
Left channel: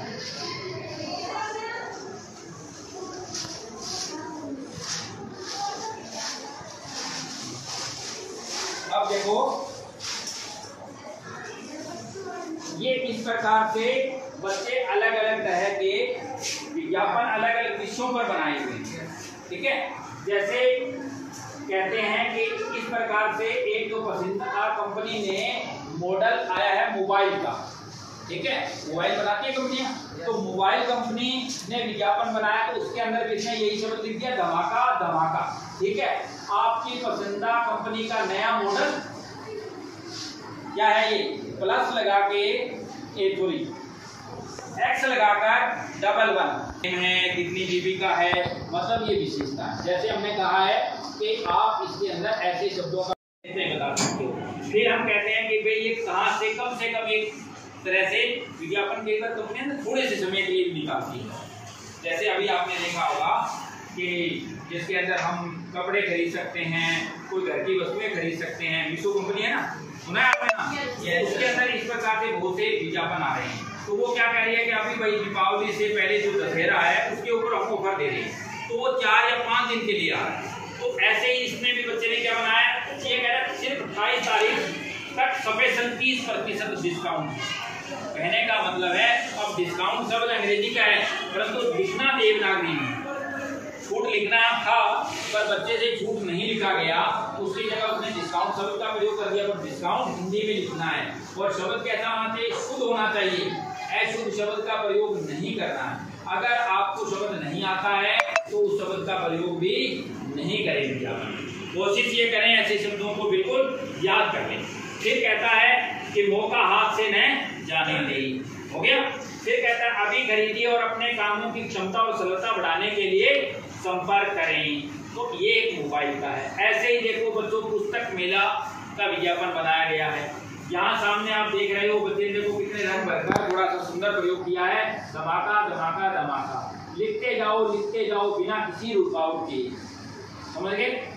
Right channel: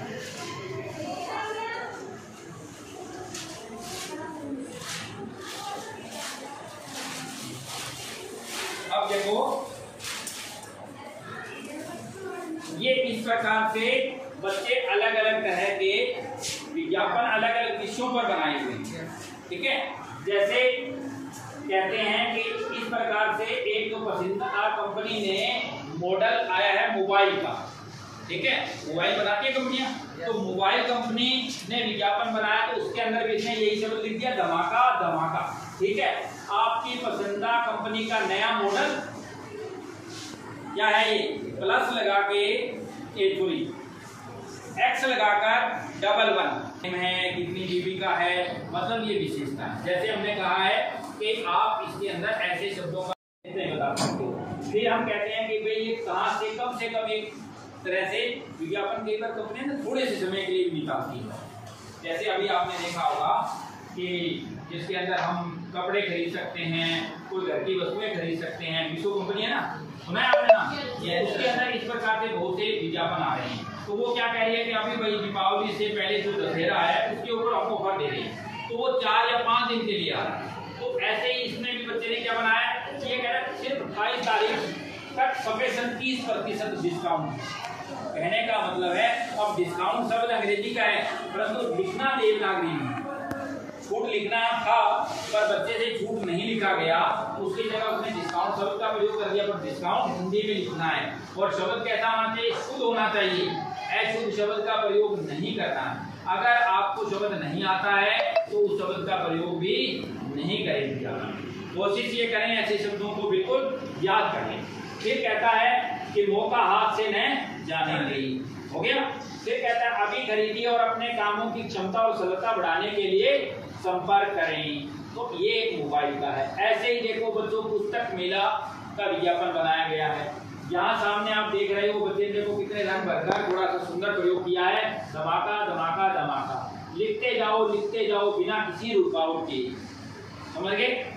अब देखो, ये इस प्रकार से बच्चे अलग अलग तरह के विज्ञापन अलग अलग विषयों पर बनाए हुए हैं, ठीक है। जैसे कहते हैं कि इस प्रकार से एक जो पसंदीदा कंपनी ने मॉडल आया है मोबाइल का, ठीक है, मोबाइल बनाती है कंपनियां, तो मोबाइल कंपनी ने विज्ञापन बनाया तो उसके अंदर भी इसने यही शब्द लिख दिया, धमाका धमाका, ठीक है। आपकी पसंदीदा कंपनी का नया मॉडल क्या है, ये प्लस लगा के एक्स लगाकर 11 है, कितनी जीबी का है, मतलब ये विशेषता है। जैसे हमने कहा है कि आप इसके अंदर ऐसे शब्दों का बता सकते हो। फिर हम कहते हैं कि भाई ये कहाँ से कम एक तरह से विज्ञापन के अंदर कंपनियां थोड़े से समय के लिए भी निकालती है। जैसे अभी आपने देखा होगा कि जिसके अंदर हम कपड़े खरीद सकते हैं, कोई घर की वस्तुएं खरीद सकते हैं, मीशो कंपनी है ना, सुना है आपने ना, उसके अंदर इस प्रकार के बहुत से विज्ञापन आ रहे हैं। तो वो क्या कह रही है कि अभी भाई दीपावली से पहले जो दशहरा है उसके ऊपर आपको ऑफर दे रही है, तो वो 4 या 5 दिन के लिए आ रहा है। तो ऐसे ही इसमें भी बच्चे ने क्या बनाया, ये कह रहा है सिर्फ 28 तारीख तक स्पेशल 30% डिस्काउंट। कहने का मतलब है, अब डिस्काउंट शब्द अंग्रेजी का है, परंतु लिखना देवनागरी में छूट लिखना था, पर बच्चे से छूट नहीं लिखा गया, उसकी जगह उसने डिस्काउंट शब्द का प्रयोग कर दिया। पर डिस्काउंट हिंदी में लिखना है और शब्द कैसा होना चाहिए, शुद्ध होना चाहिए, अशुद्ध शब्द का प्रयोग नहीं करना है। अगर आपको शब्द नहीं आता है तो उस शब्द का प्रयोग भी नहीं करेंगे। कोशिश ये करें ऐसे शब्दों को बिल्कुल याद कर लें। फिर कहता है कि मौका हाथ से न जाने दें, हो गया। फिर कहता है अभी खरीदिए और अपने कामों की क्षमता और सरलता बढ़ाने के लिए संपर्क करें। तो ये एक मोबाइल का है। ऐसे ही देखो बच्चों, पुस्तक मेला का विज्ञापन बनाया गया है। यहाँ सामने आप देख रहे हो, बच्चे देखो कितने रंग भरकर थोड़ा सा सुंदर प्रयोग किया है। धमाका धमाका धमाका, लिखते जाओ बिना किसी रुकावट के, समझ गए।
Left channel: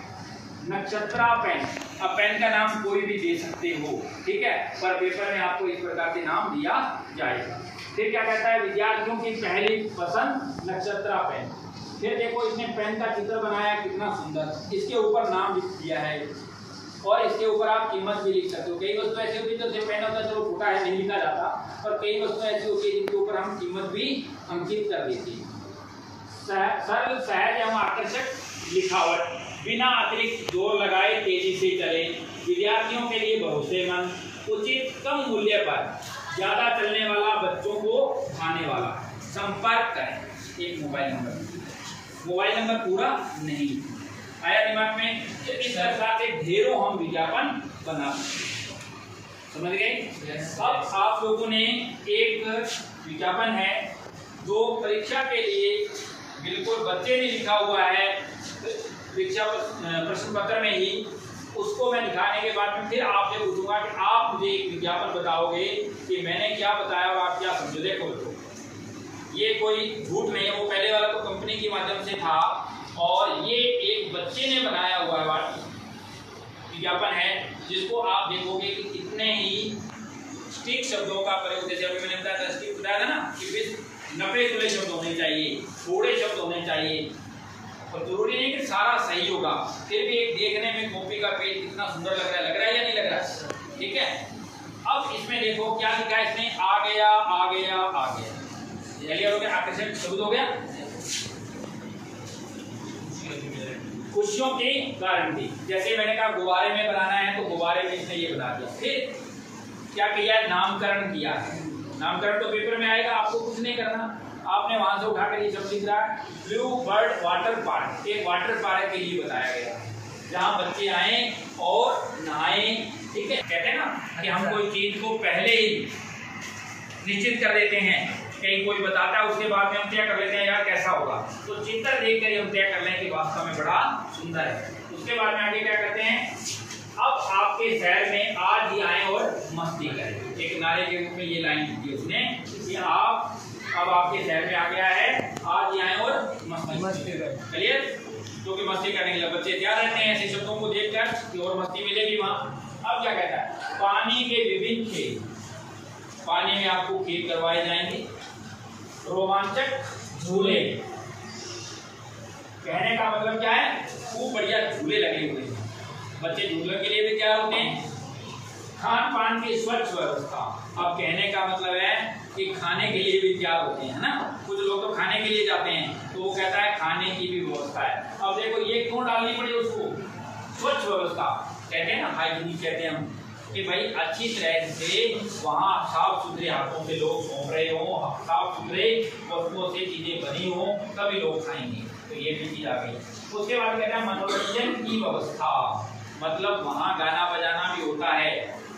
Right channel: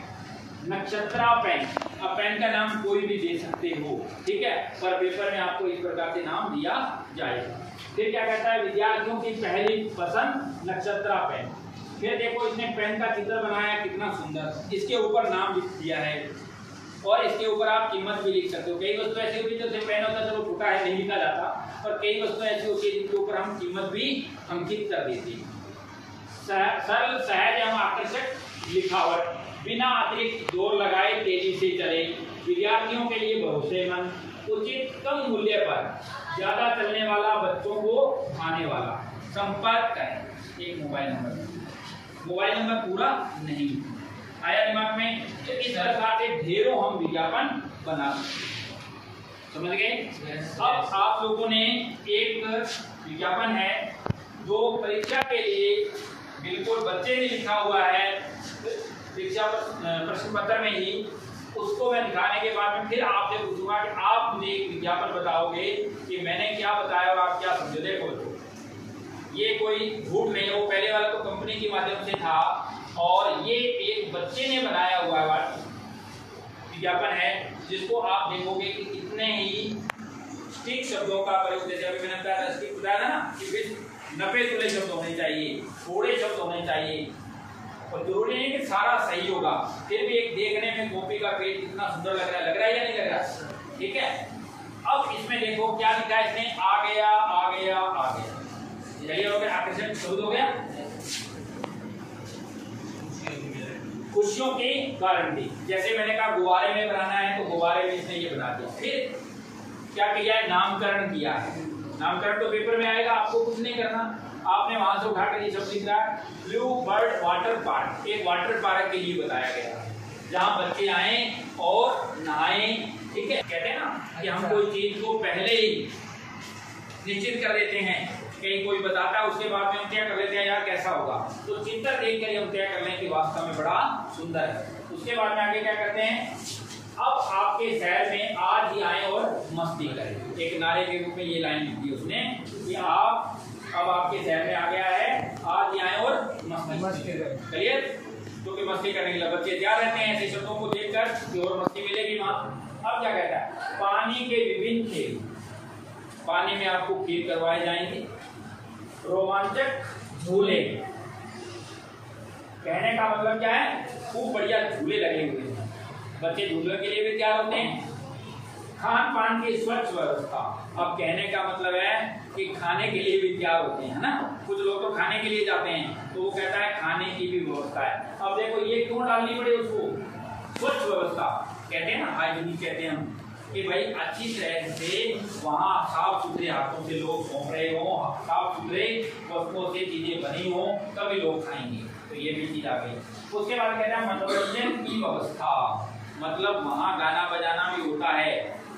नक्षत्रा पेन, अब पेन का नाम कोई भी दे सकते हो, ठीक है, पर पेपर में आपको इस प्रकार के नाम दिया जाएगा। फिर क्या कहता है, विद्यार्थियों की पहली पसंद नक्षत्रा पेन। फिर देखो इसने पेन का चित्र बनाया कितना सुंदर, इसके ऊपर नाम लिख दिया है और इसके ऊपर आप कीमत भी लिख सकते हो। कई वस्तु ऐसी होती है जो पेन होता है चलो फूटा है नहीं लिखा जाता, पर कई वस्तु ऐसी होती है जिनके ऊपर हम कीमत भी अंकित कर देते हैं। सरल सहज एवं आकर्षक लिखावट, बिना अतिरिक्त जोर लगाए तेजी से चले, विद्यार्थियों के लिए भरोसेमंद, उचित कम मूल्य पर, ज्यादा चलने वाला, बच्चों को भाने वाला। संपर्क करें, एक मोबाइल नंबर पूरा नहीं आया दिमाग में। तो इस प्रकार के ढेरों हम विज्ञापन बना सकते, समझ गए। अब आप लोगों ने एक विज्ञापन है जो परीक्षा के लिए बिल्कुल बच्चे भी लिखा हुआ है परीक्षा प्रश्न पत्र में ही, उसको मैं दिखाने के बाद में फिर आपसे पूछूंगा कि आप मुझे एक विज्ञापन बताओगे कि मैंने क्या बताया और आप क्या समझो। देखो ये कोई झूठ नहीं है, वो पहले वाला तो कंपनी के माध्यम से था और ये एक बच्चे ने बनाया हुआ है विज्ञापन है, जिसको आप देखोगे कि कितने ही स्टिक शब्दों का प्रयोग, जैसे अभी मैंने बताया स्टिक बताया ना कि नफे तुले शब्द होने चाहिए, थोड़े शब्द होने चाहिए, और जरूरी नहीं कि सारा सही होगा। फिर भी एक देखने में कॉपी का पेज कितना सुंदर लग रहा है या नहीं लग रहा है, ठीक है। अब इसमें देखो क्या लिखा है, इसमें आ गया आ गया आ गया, आकर्षक शब्द हो गया। खुशियों के कारण थी, जैसे मैंने कहा गुब्बारे में बनाना है तो गुब्बारे में इसने ये बना दिया। फिर क्या किया है, नामकरण किया है। नामकरण तो पेपर में आएगा, आपको कुछ नहीं करना, आपने वहां से उठा कर ये शब्द लिख रहा है ब्लू बर्ड वाटर पार्क, एक वाटर पार्क के लिए बताया गया है जहाँ बच्चे आए और नहाए, ठीक है। कहते हैं ना कि हम कोई चीज को पहले ही निश्चित कर देते हैं, कहीं कोई बताता है उसके बाद में हम तय कर लेते हैं यार कैसा होगा, तो चित्र देख कर हम तय कर लें कि वास्तव में बड़ा सुंदर है। उसके बाद में आगे क्या करते हैं, अब आपके शहर में आज ही आए और मस्ती करें, एक नारे के रूप में ये लाइन लिखी उसने कि आप अब आपके शहर में आ गया है, आज ही आए और मस्ती करें। चलिए, क्योंकि मस्ती करने के लिए बच्चे तैयार रहते हैं ऐसे शब्दों को देखकर कि और मस्ती मिलेगी वहां। अब क्या कहता है, पानी के विभिन्न खेल, पानी में आपको खेल करवाए जाएंगे, रोमांचक झूले, कहने का मतलब क्या है, खूब बढ़िया झूले लगे हुए हैं, बच्चे झूलने के लिए भी तैयार होते हैं। खान पान की स्वच्छ व्यवस्था, अब कहने का मतलब है कि खाने के लिए भी तैयार होते हैं, है ना। कुछ लोग तो खाने के लिए जाते हैं तो वो कहता है खाने की भी व्यवस्था है। अब देखो ये क्यों डालनी पड़ी उसको, स्वच्छ व्यवस्था कहते हैं ना, हाइजीनिक कहते हैं हम, कि भाई अच्छी तरह से वहाँ साफ सुथरे हाथों से लोग सौंप रहे हों, साफ सुथरे वस्तुओं से चीजें बनी हों, तभी लोग खाएंगे, तो ये भी चीज आ गई। उसके बाद कहते हैं मनोरंजन की व्यवस्था, मतलब वहाँ गाना बजाना भी होता है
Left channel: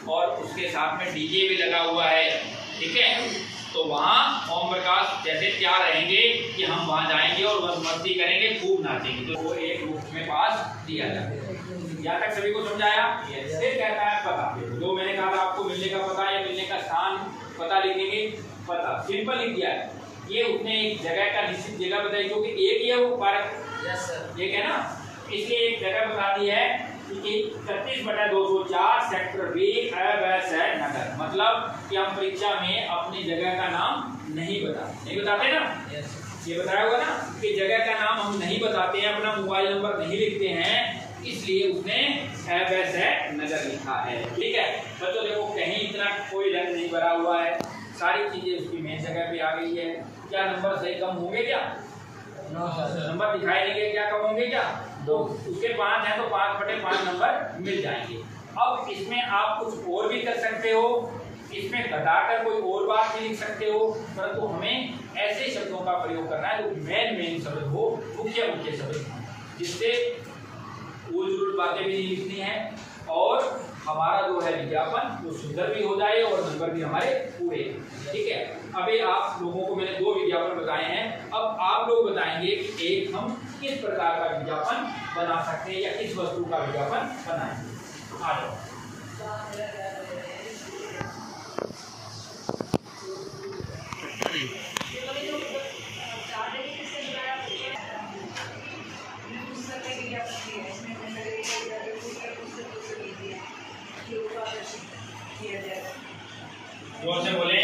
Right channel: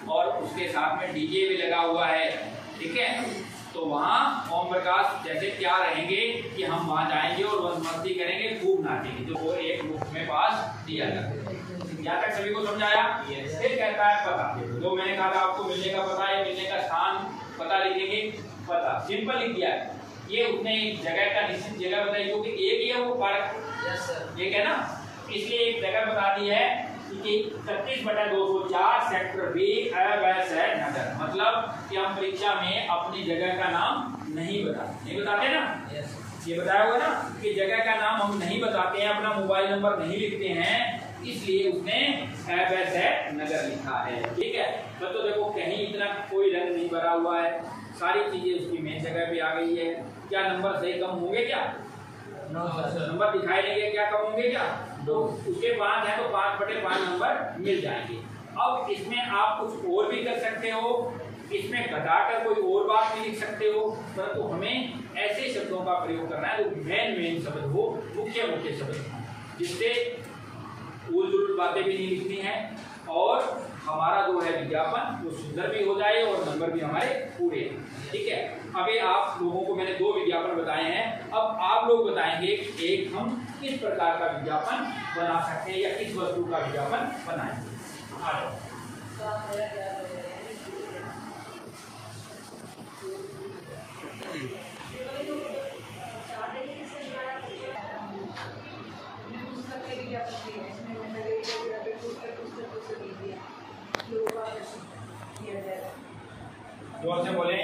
और उसके साथ में डीजे भी लगा हुआ है, ठीक है। तो वहाँ ओम प्रकाश जैसे तैयार रहेंगे कि हम वहाँ जाएंगे और मस्ती करेंगे, खूब नाचेंगे, तो वो एक बुक में पास दिया जाता है। यहाँ तक सभी को समझाया। फिर कहता है पता, जो मैंने कहा था आपको मिलने का पता है, मिलने का स्थान पता लिखेंगे, पता सिंपल लिख दिया है। ये उसने एक जगह का निश्चित जगह बताई, क्योंकि एक ही है वो पार्क, एक है ना, इसलिए एक जगह बता दी है कि 31/204 सेक्टर बी अवैध नगर, मतलब कि हम परीक्षा में अपनी जगह का नाम नहीं बताते ना, ये बताया होगा ना कि जगह का नाम हम नहीं बताते हैं, अपना मोबाइल नंबर नहीं लिखते हैं, इसलिए उसने अवैध नगर लिखा है, ठीक है। तो देखो कहीं इतना कोई रंग नहीं भरा हुआ है, सारी चीजें उसकी मेन जगह पे आ गई है। क्या नंबर सही कम होंगे क्या? नंबर दिखाई देंगे क्या, कम होंगे क्या? 2, उसके 5 है तो 5/5 नंबर मिल जाएंगे। अब इसमें आप कुछ और भी कर सकते हो, इसमें घटाकर कोई और बात भी लिख सकते हो, परंतु हमें ऐसे शब्दों का प्रयोग करना है जो मेन शब्द हो, मुख्य शब्द, जिससे बातें भी नहीं लिखनी है और हमारा जो है विज्ञापन वो सुंदर भी हो जाए और नंबर भी हमारे पूरे। ठीक है, अभी आप लोगों को मैंने 2 विज्ञापन बताए हैं। अब आप लोग बताएंगे कि एक हम किस प्रकार का विज्ञापन बना सकते हैं या किस वस्तु का विज्ञापन बनाएंगे। आ जाओ। जोर से बोले।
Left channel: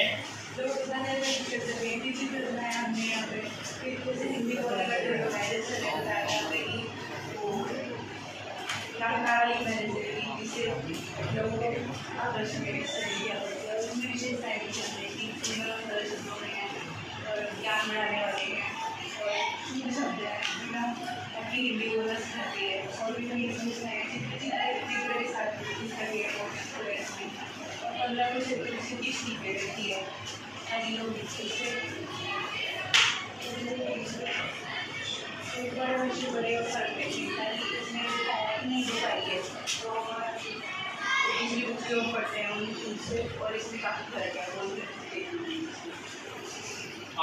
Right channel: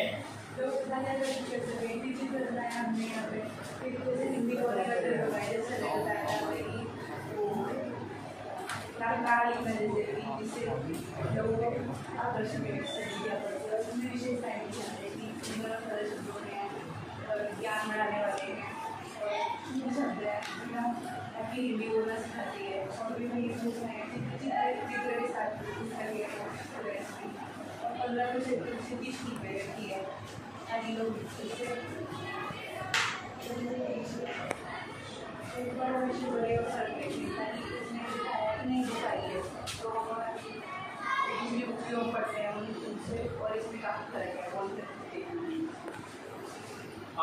ज्ञान बढ़ाने वाले हैं और शब्द है ताकि हिंदी बोलना सिखाती है और भी कहीं चित्र के साथ सिखाती है और 15 से 30 सीखें रहती है ताकि लोग इससे एक बार बच्चे बड़े ताकि इसमें नहीं दे पाई है तो इसलिए उपयोग करते हैं उनसे और इसमें काफ़ी फर्क है।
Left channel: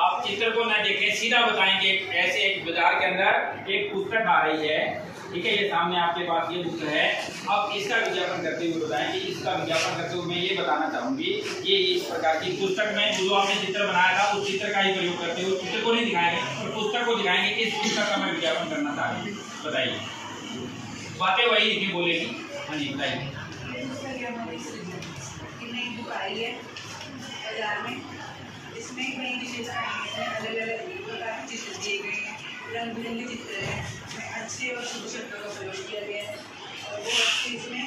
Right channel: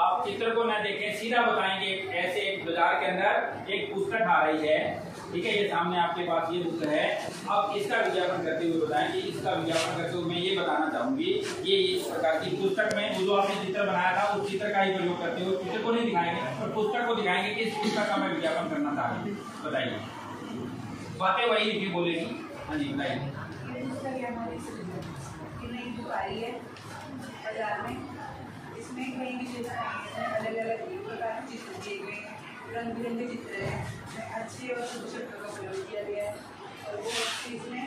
आप चित्र को ना देखें, सीधा बताएंगे। ऐसे एक बाजार के अंदर एक पुस्तक आ रही है, ठीक है, ये सामने आपके पास ये पुस्तक है। अब इसका विज्ञापन करते हुए बताएंगे। इसका विज्ञापन करते हुए मैं ये बताना चाहूंगी, ये इस प्रकार की पुस्तक में जो आपने चित्र बनाया था उस चित्र का ही प्रयोग करते हुए चित्र को नहीं दिखाएंगे और पुस्तक को दिखाएंगे कि इस पुस्तक का मैं विज्ञापन करना चाहूँगी। बताइए, बातें वही लिखी बोलेगी। हाँ जी बताइए। इसमें कई विशेषताएं अलग अलग प्रकार के चित्र दिए गए हैं, रंग बिरंगे चित्र हैं, अच्छे और शुभ शब्दों का प्रयोग किया गया है और बहुत इसमें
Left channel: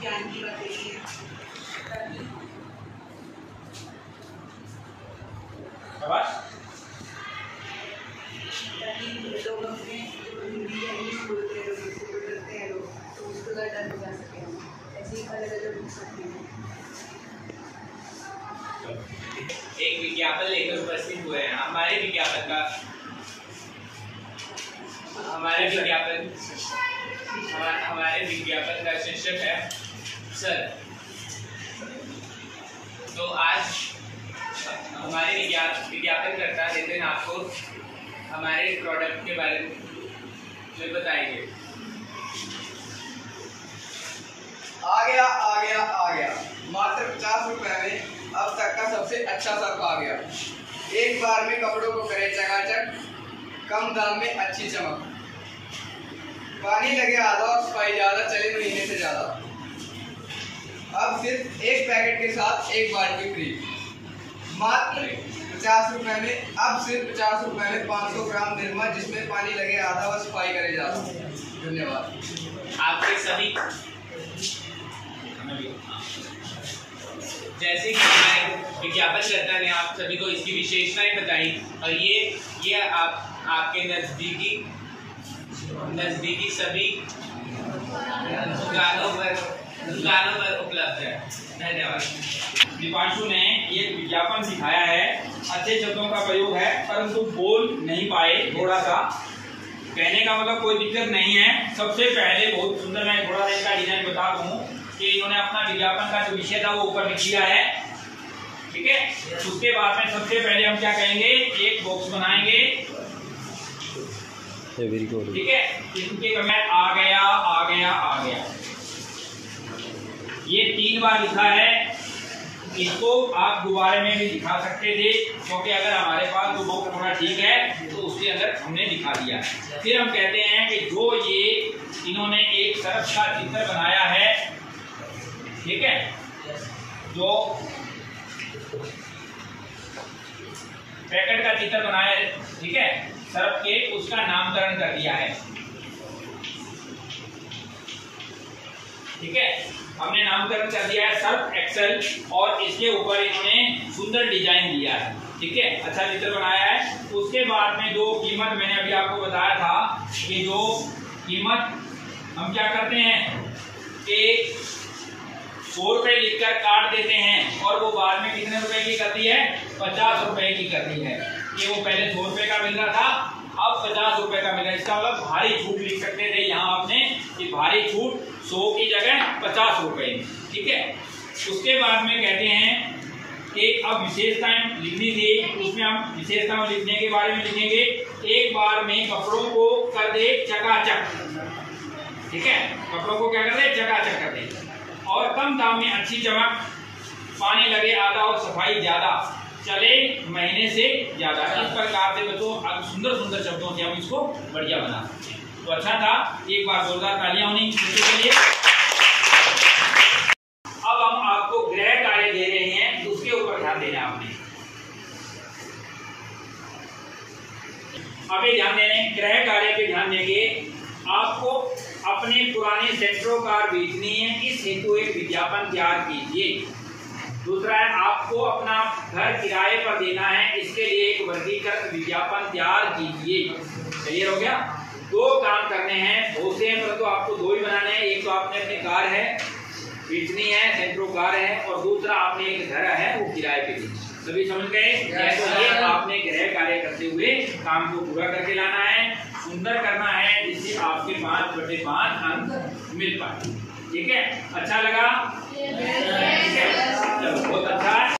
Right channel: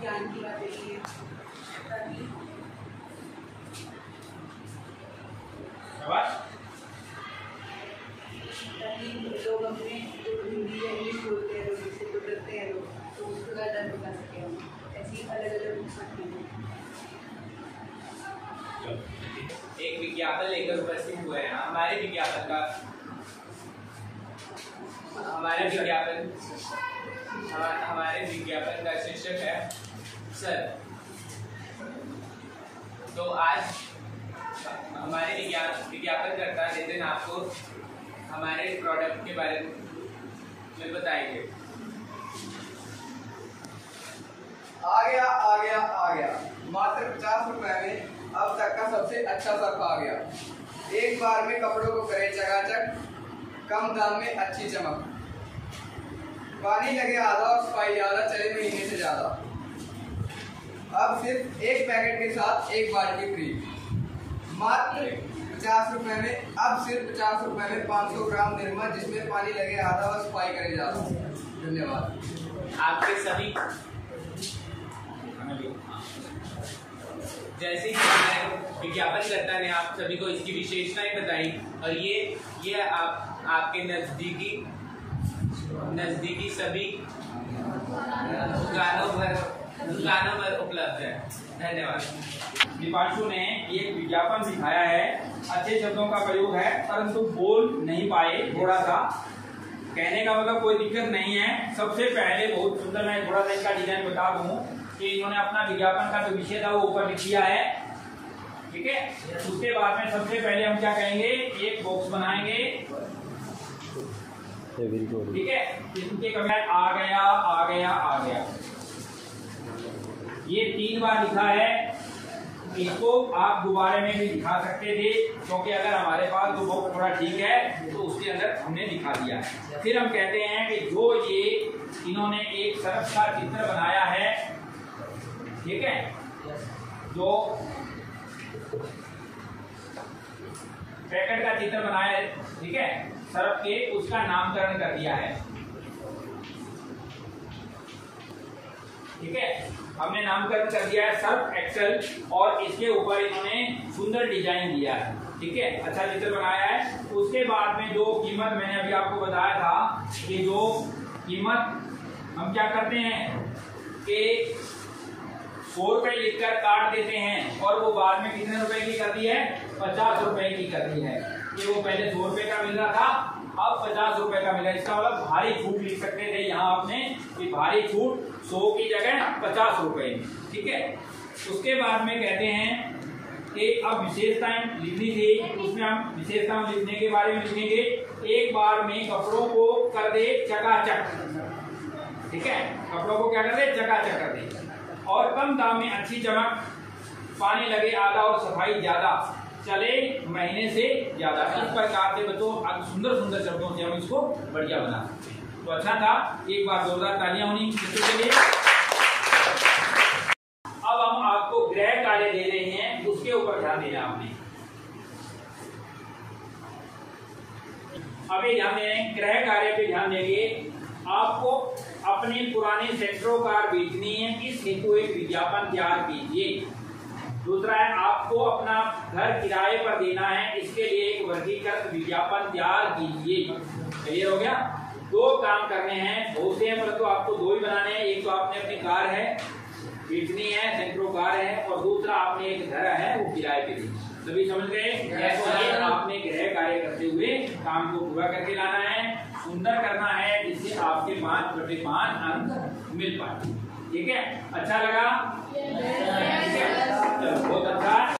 ज्ञान की बातें की है ताकि लोग अपने जो हिंदी या इंग्लिश बोलते हैं लोग इसको करते हैं लोग तो उसको ज़्यादा नहीं जा सकें। ऐसी अलग अलग पुस्तकें हैं। एक विज्ञापन लेकर उपस्थित हुए हैं। हमारे विज्ञापन का शीर्षक है सर। तो आज हमारे विज्ञापन करता नितिन आपको हमारे प्रोडक्ट के बारे में बताएंगे। आ गया मात्र 50 रुपए में अब तक का सबसे अच्छा सर्फ आ गया। एक बार में कपड़ों को करे चकाचक, कम दाम में अच्छी चमक, पानी लगे आधा और सफाई ज़्यादा, चले महीने से ज़्यादा। अब सिर्फ एक पैकेट के साथ एक बाल्टी फ्री, मात्र 50 रुपए में। अब सिर्फ 50 रुपए में 500 ग्राम निरमा, जिसमें पानी लगे आधा और सफाई करे ज़्यादा। धन्यवाद। आपके सभी जैसे कि हमारे विज्ञापनकर्ता ने आप सभी को इसकी विशेषताएं बताई और ये आपके नज़दीकी सभी दुकानों पर उपलब्ध है। धन्यवाद। दीपांशु ने ये विज्ञापन सिखाया है, अच्छे शब्दों का प्रयोग है परंतु बोल नहीं पाए थोड़ा सा। कहने का मतलब कोई दिक्कत नहीं है। सबसे पहले बहुत सुंदर, मैं थोड़ा सा इसका डिजाइन बता दूं कि इन्होंने अपना विज्ञापन का जो विषय था वो ऊपर लिख दिया है, ठीक है। उसके बाद में सबसे पहले हम क्या कहेंगे, एक बॉक्स बनाएंगे, ठीक है। इनके कमेंट आ गया ये 3 बार लिखा है। इसको आप दोबारा में भी दिखा सकते थे, क्योंकि अगर हमारे पास जो बॉक्स थोड़ा ठीक है तो उसके अंदर हमने दिखा दिया है। फिर हम कहते हैं कि जो ये इन्होंने एक सर्फ का चित्र बनाया है, ठीक है, जो पैकेट का चित्र बनाया है, ठीक है, सर्फ के, उसका नामकरण कर दिया है, ठीक है। हमने नामकरण कर दिया है सर्फ एक्सेल और इसके ऊपर इन्होंने सुंदर डिजाइन दिया है, ठीक है, अच्छा चित्र बनाया है। उसके बाद में जो कीमत मैंने अभी आपको बताया था कि जो कीमत हम क्या करते हैं कि 100 रुपये लिखकर काट देते हैं और वो बाद में कितने रुपए की करती है, 50 रुपए की करती है। कि वो पहले 100 रुपये का मिल रहा था, अब 50 रुपए का मिला। इसका मतलब भारी छूट लिख सकते थे, यहाँ आपने कि भारी छूट 100 की जगह 50 रुपए। ठीक है, उसके बाद में कहते हैं कि अब विशेषताएं लिखनी थी, उसमें हम विशेषताओं लिखने के बारे में लिखेंगे। एक बार में कपड़ों को कर दे चकाचक। ठीक है, कपड़ों को क्या कर दे, चकाचक कर दे। और कम दाम में अच्छी चमक, पानी लगे आधा और सफाई ज्यादा, चले महीने से ज्यादा। इस प्रकार से बच्चों सुंदर सुंदर शब्दों से हम इसको बढ़िया बना सकते हैं। तो अच्छा था, एक बार जोरदार तालियां होनी बच्चों के लिए। अब हम आपको गृह कार्य दे रहे हैं, उसके ऊपर ध्यान देना आपने। अभी ध्यान देने, गृह कार्य पे ध्यान देंगे। आपको अपने पुराने सेंट्रो कार बेचनी है, इस हेतु एक विज्ञापन तैयार कीजिए। दूसरा है, आपको अपना घर किराए पर देना है, इसके लिए एक वर्गीकृत विज्ञापन तैयार कीजिए। क्लियर हो गया? 2 काम करने हैं, बहुत से हैं परंतु आपको 2 ही बनाने हैं। एक तो आपने अपनी कार है बेचनी है, सेंट्रो कार है, और दूसरा आपने एक घर है वो किराए पे देना। सभी समझ गए? तो ये आपने गृह कार्य करते हुए काम को पूरा करके लाना है, सुंदर करना है, जिससे आपके 5/5 अंक मिल पाए। ठीक है, अच्छा लगा?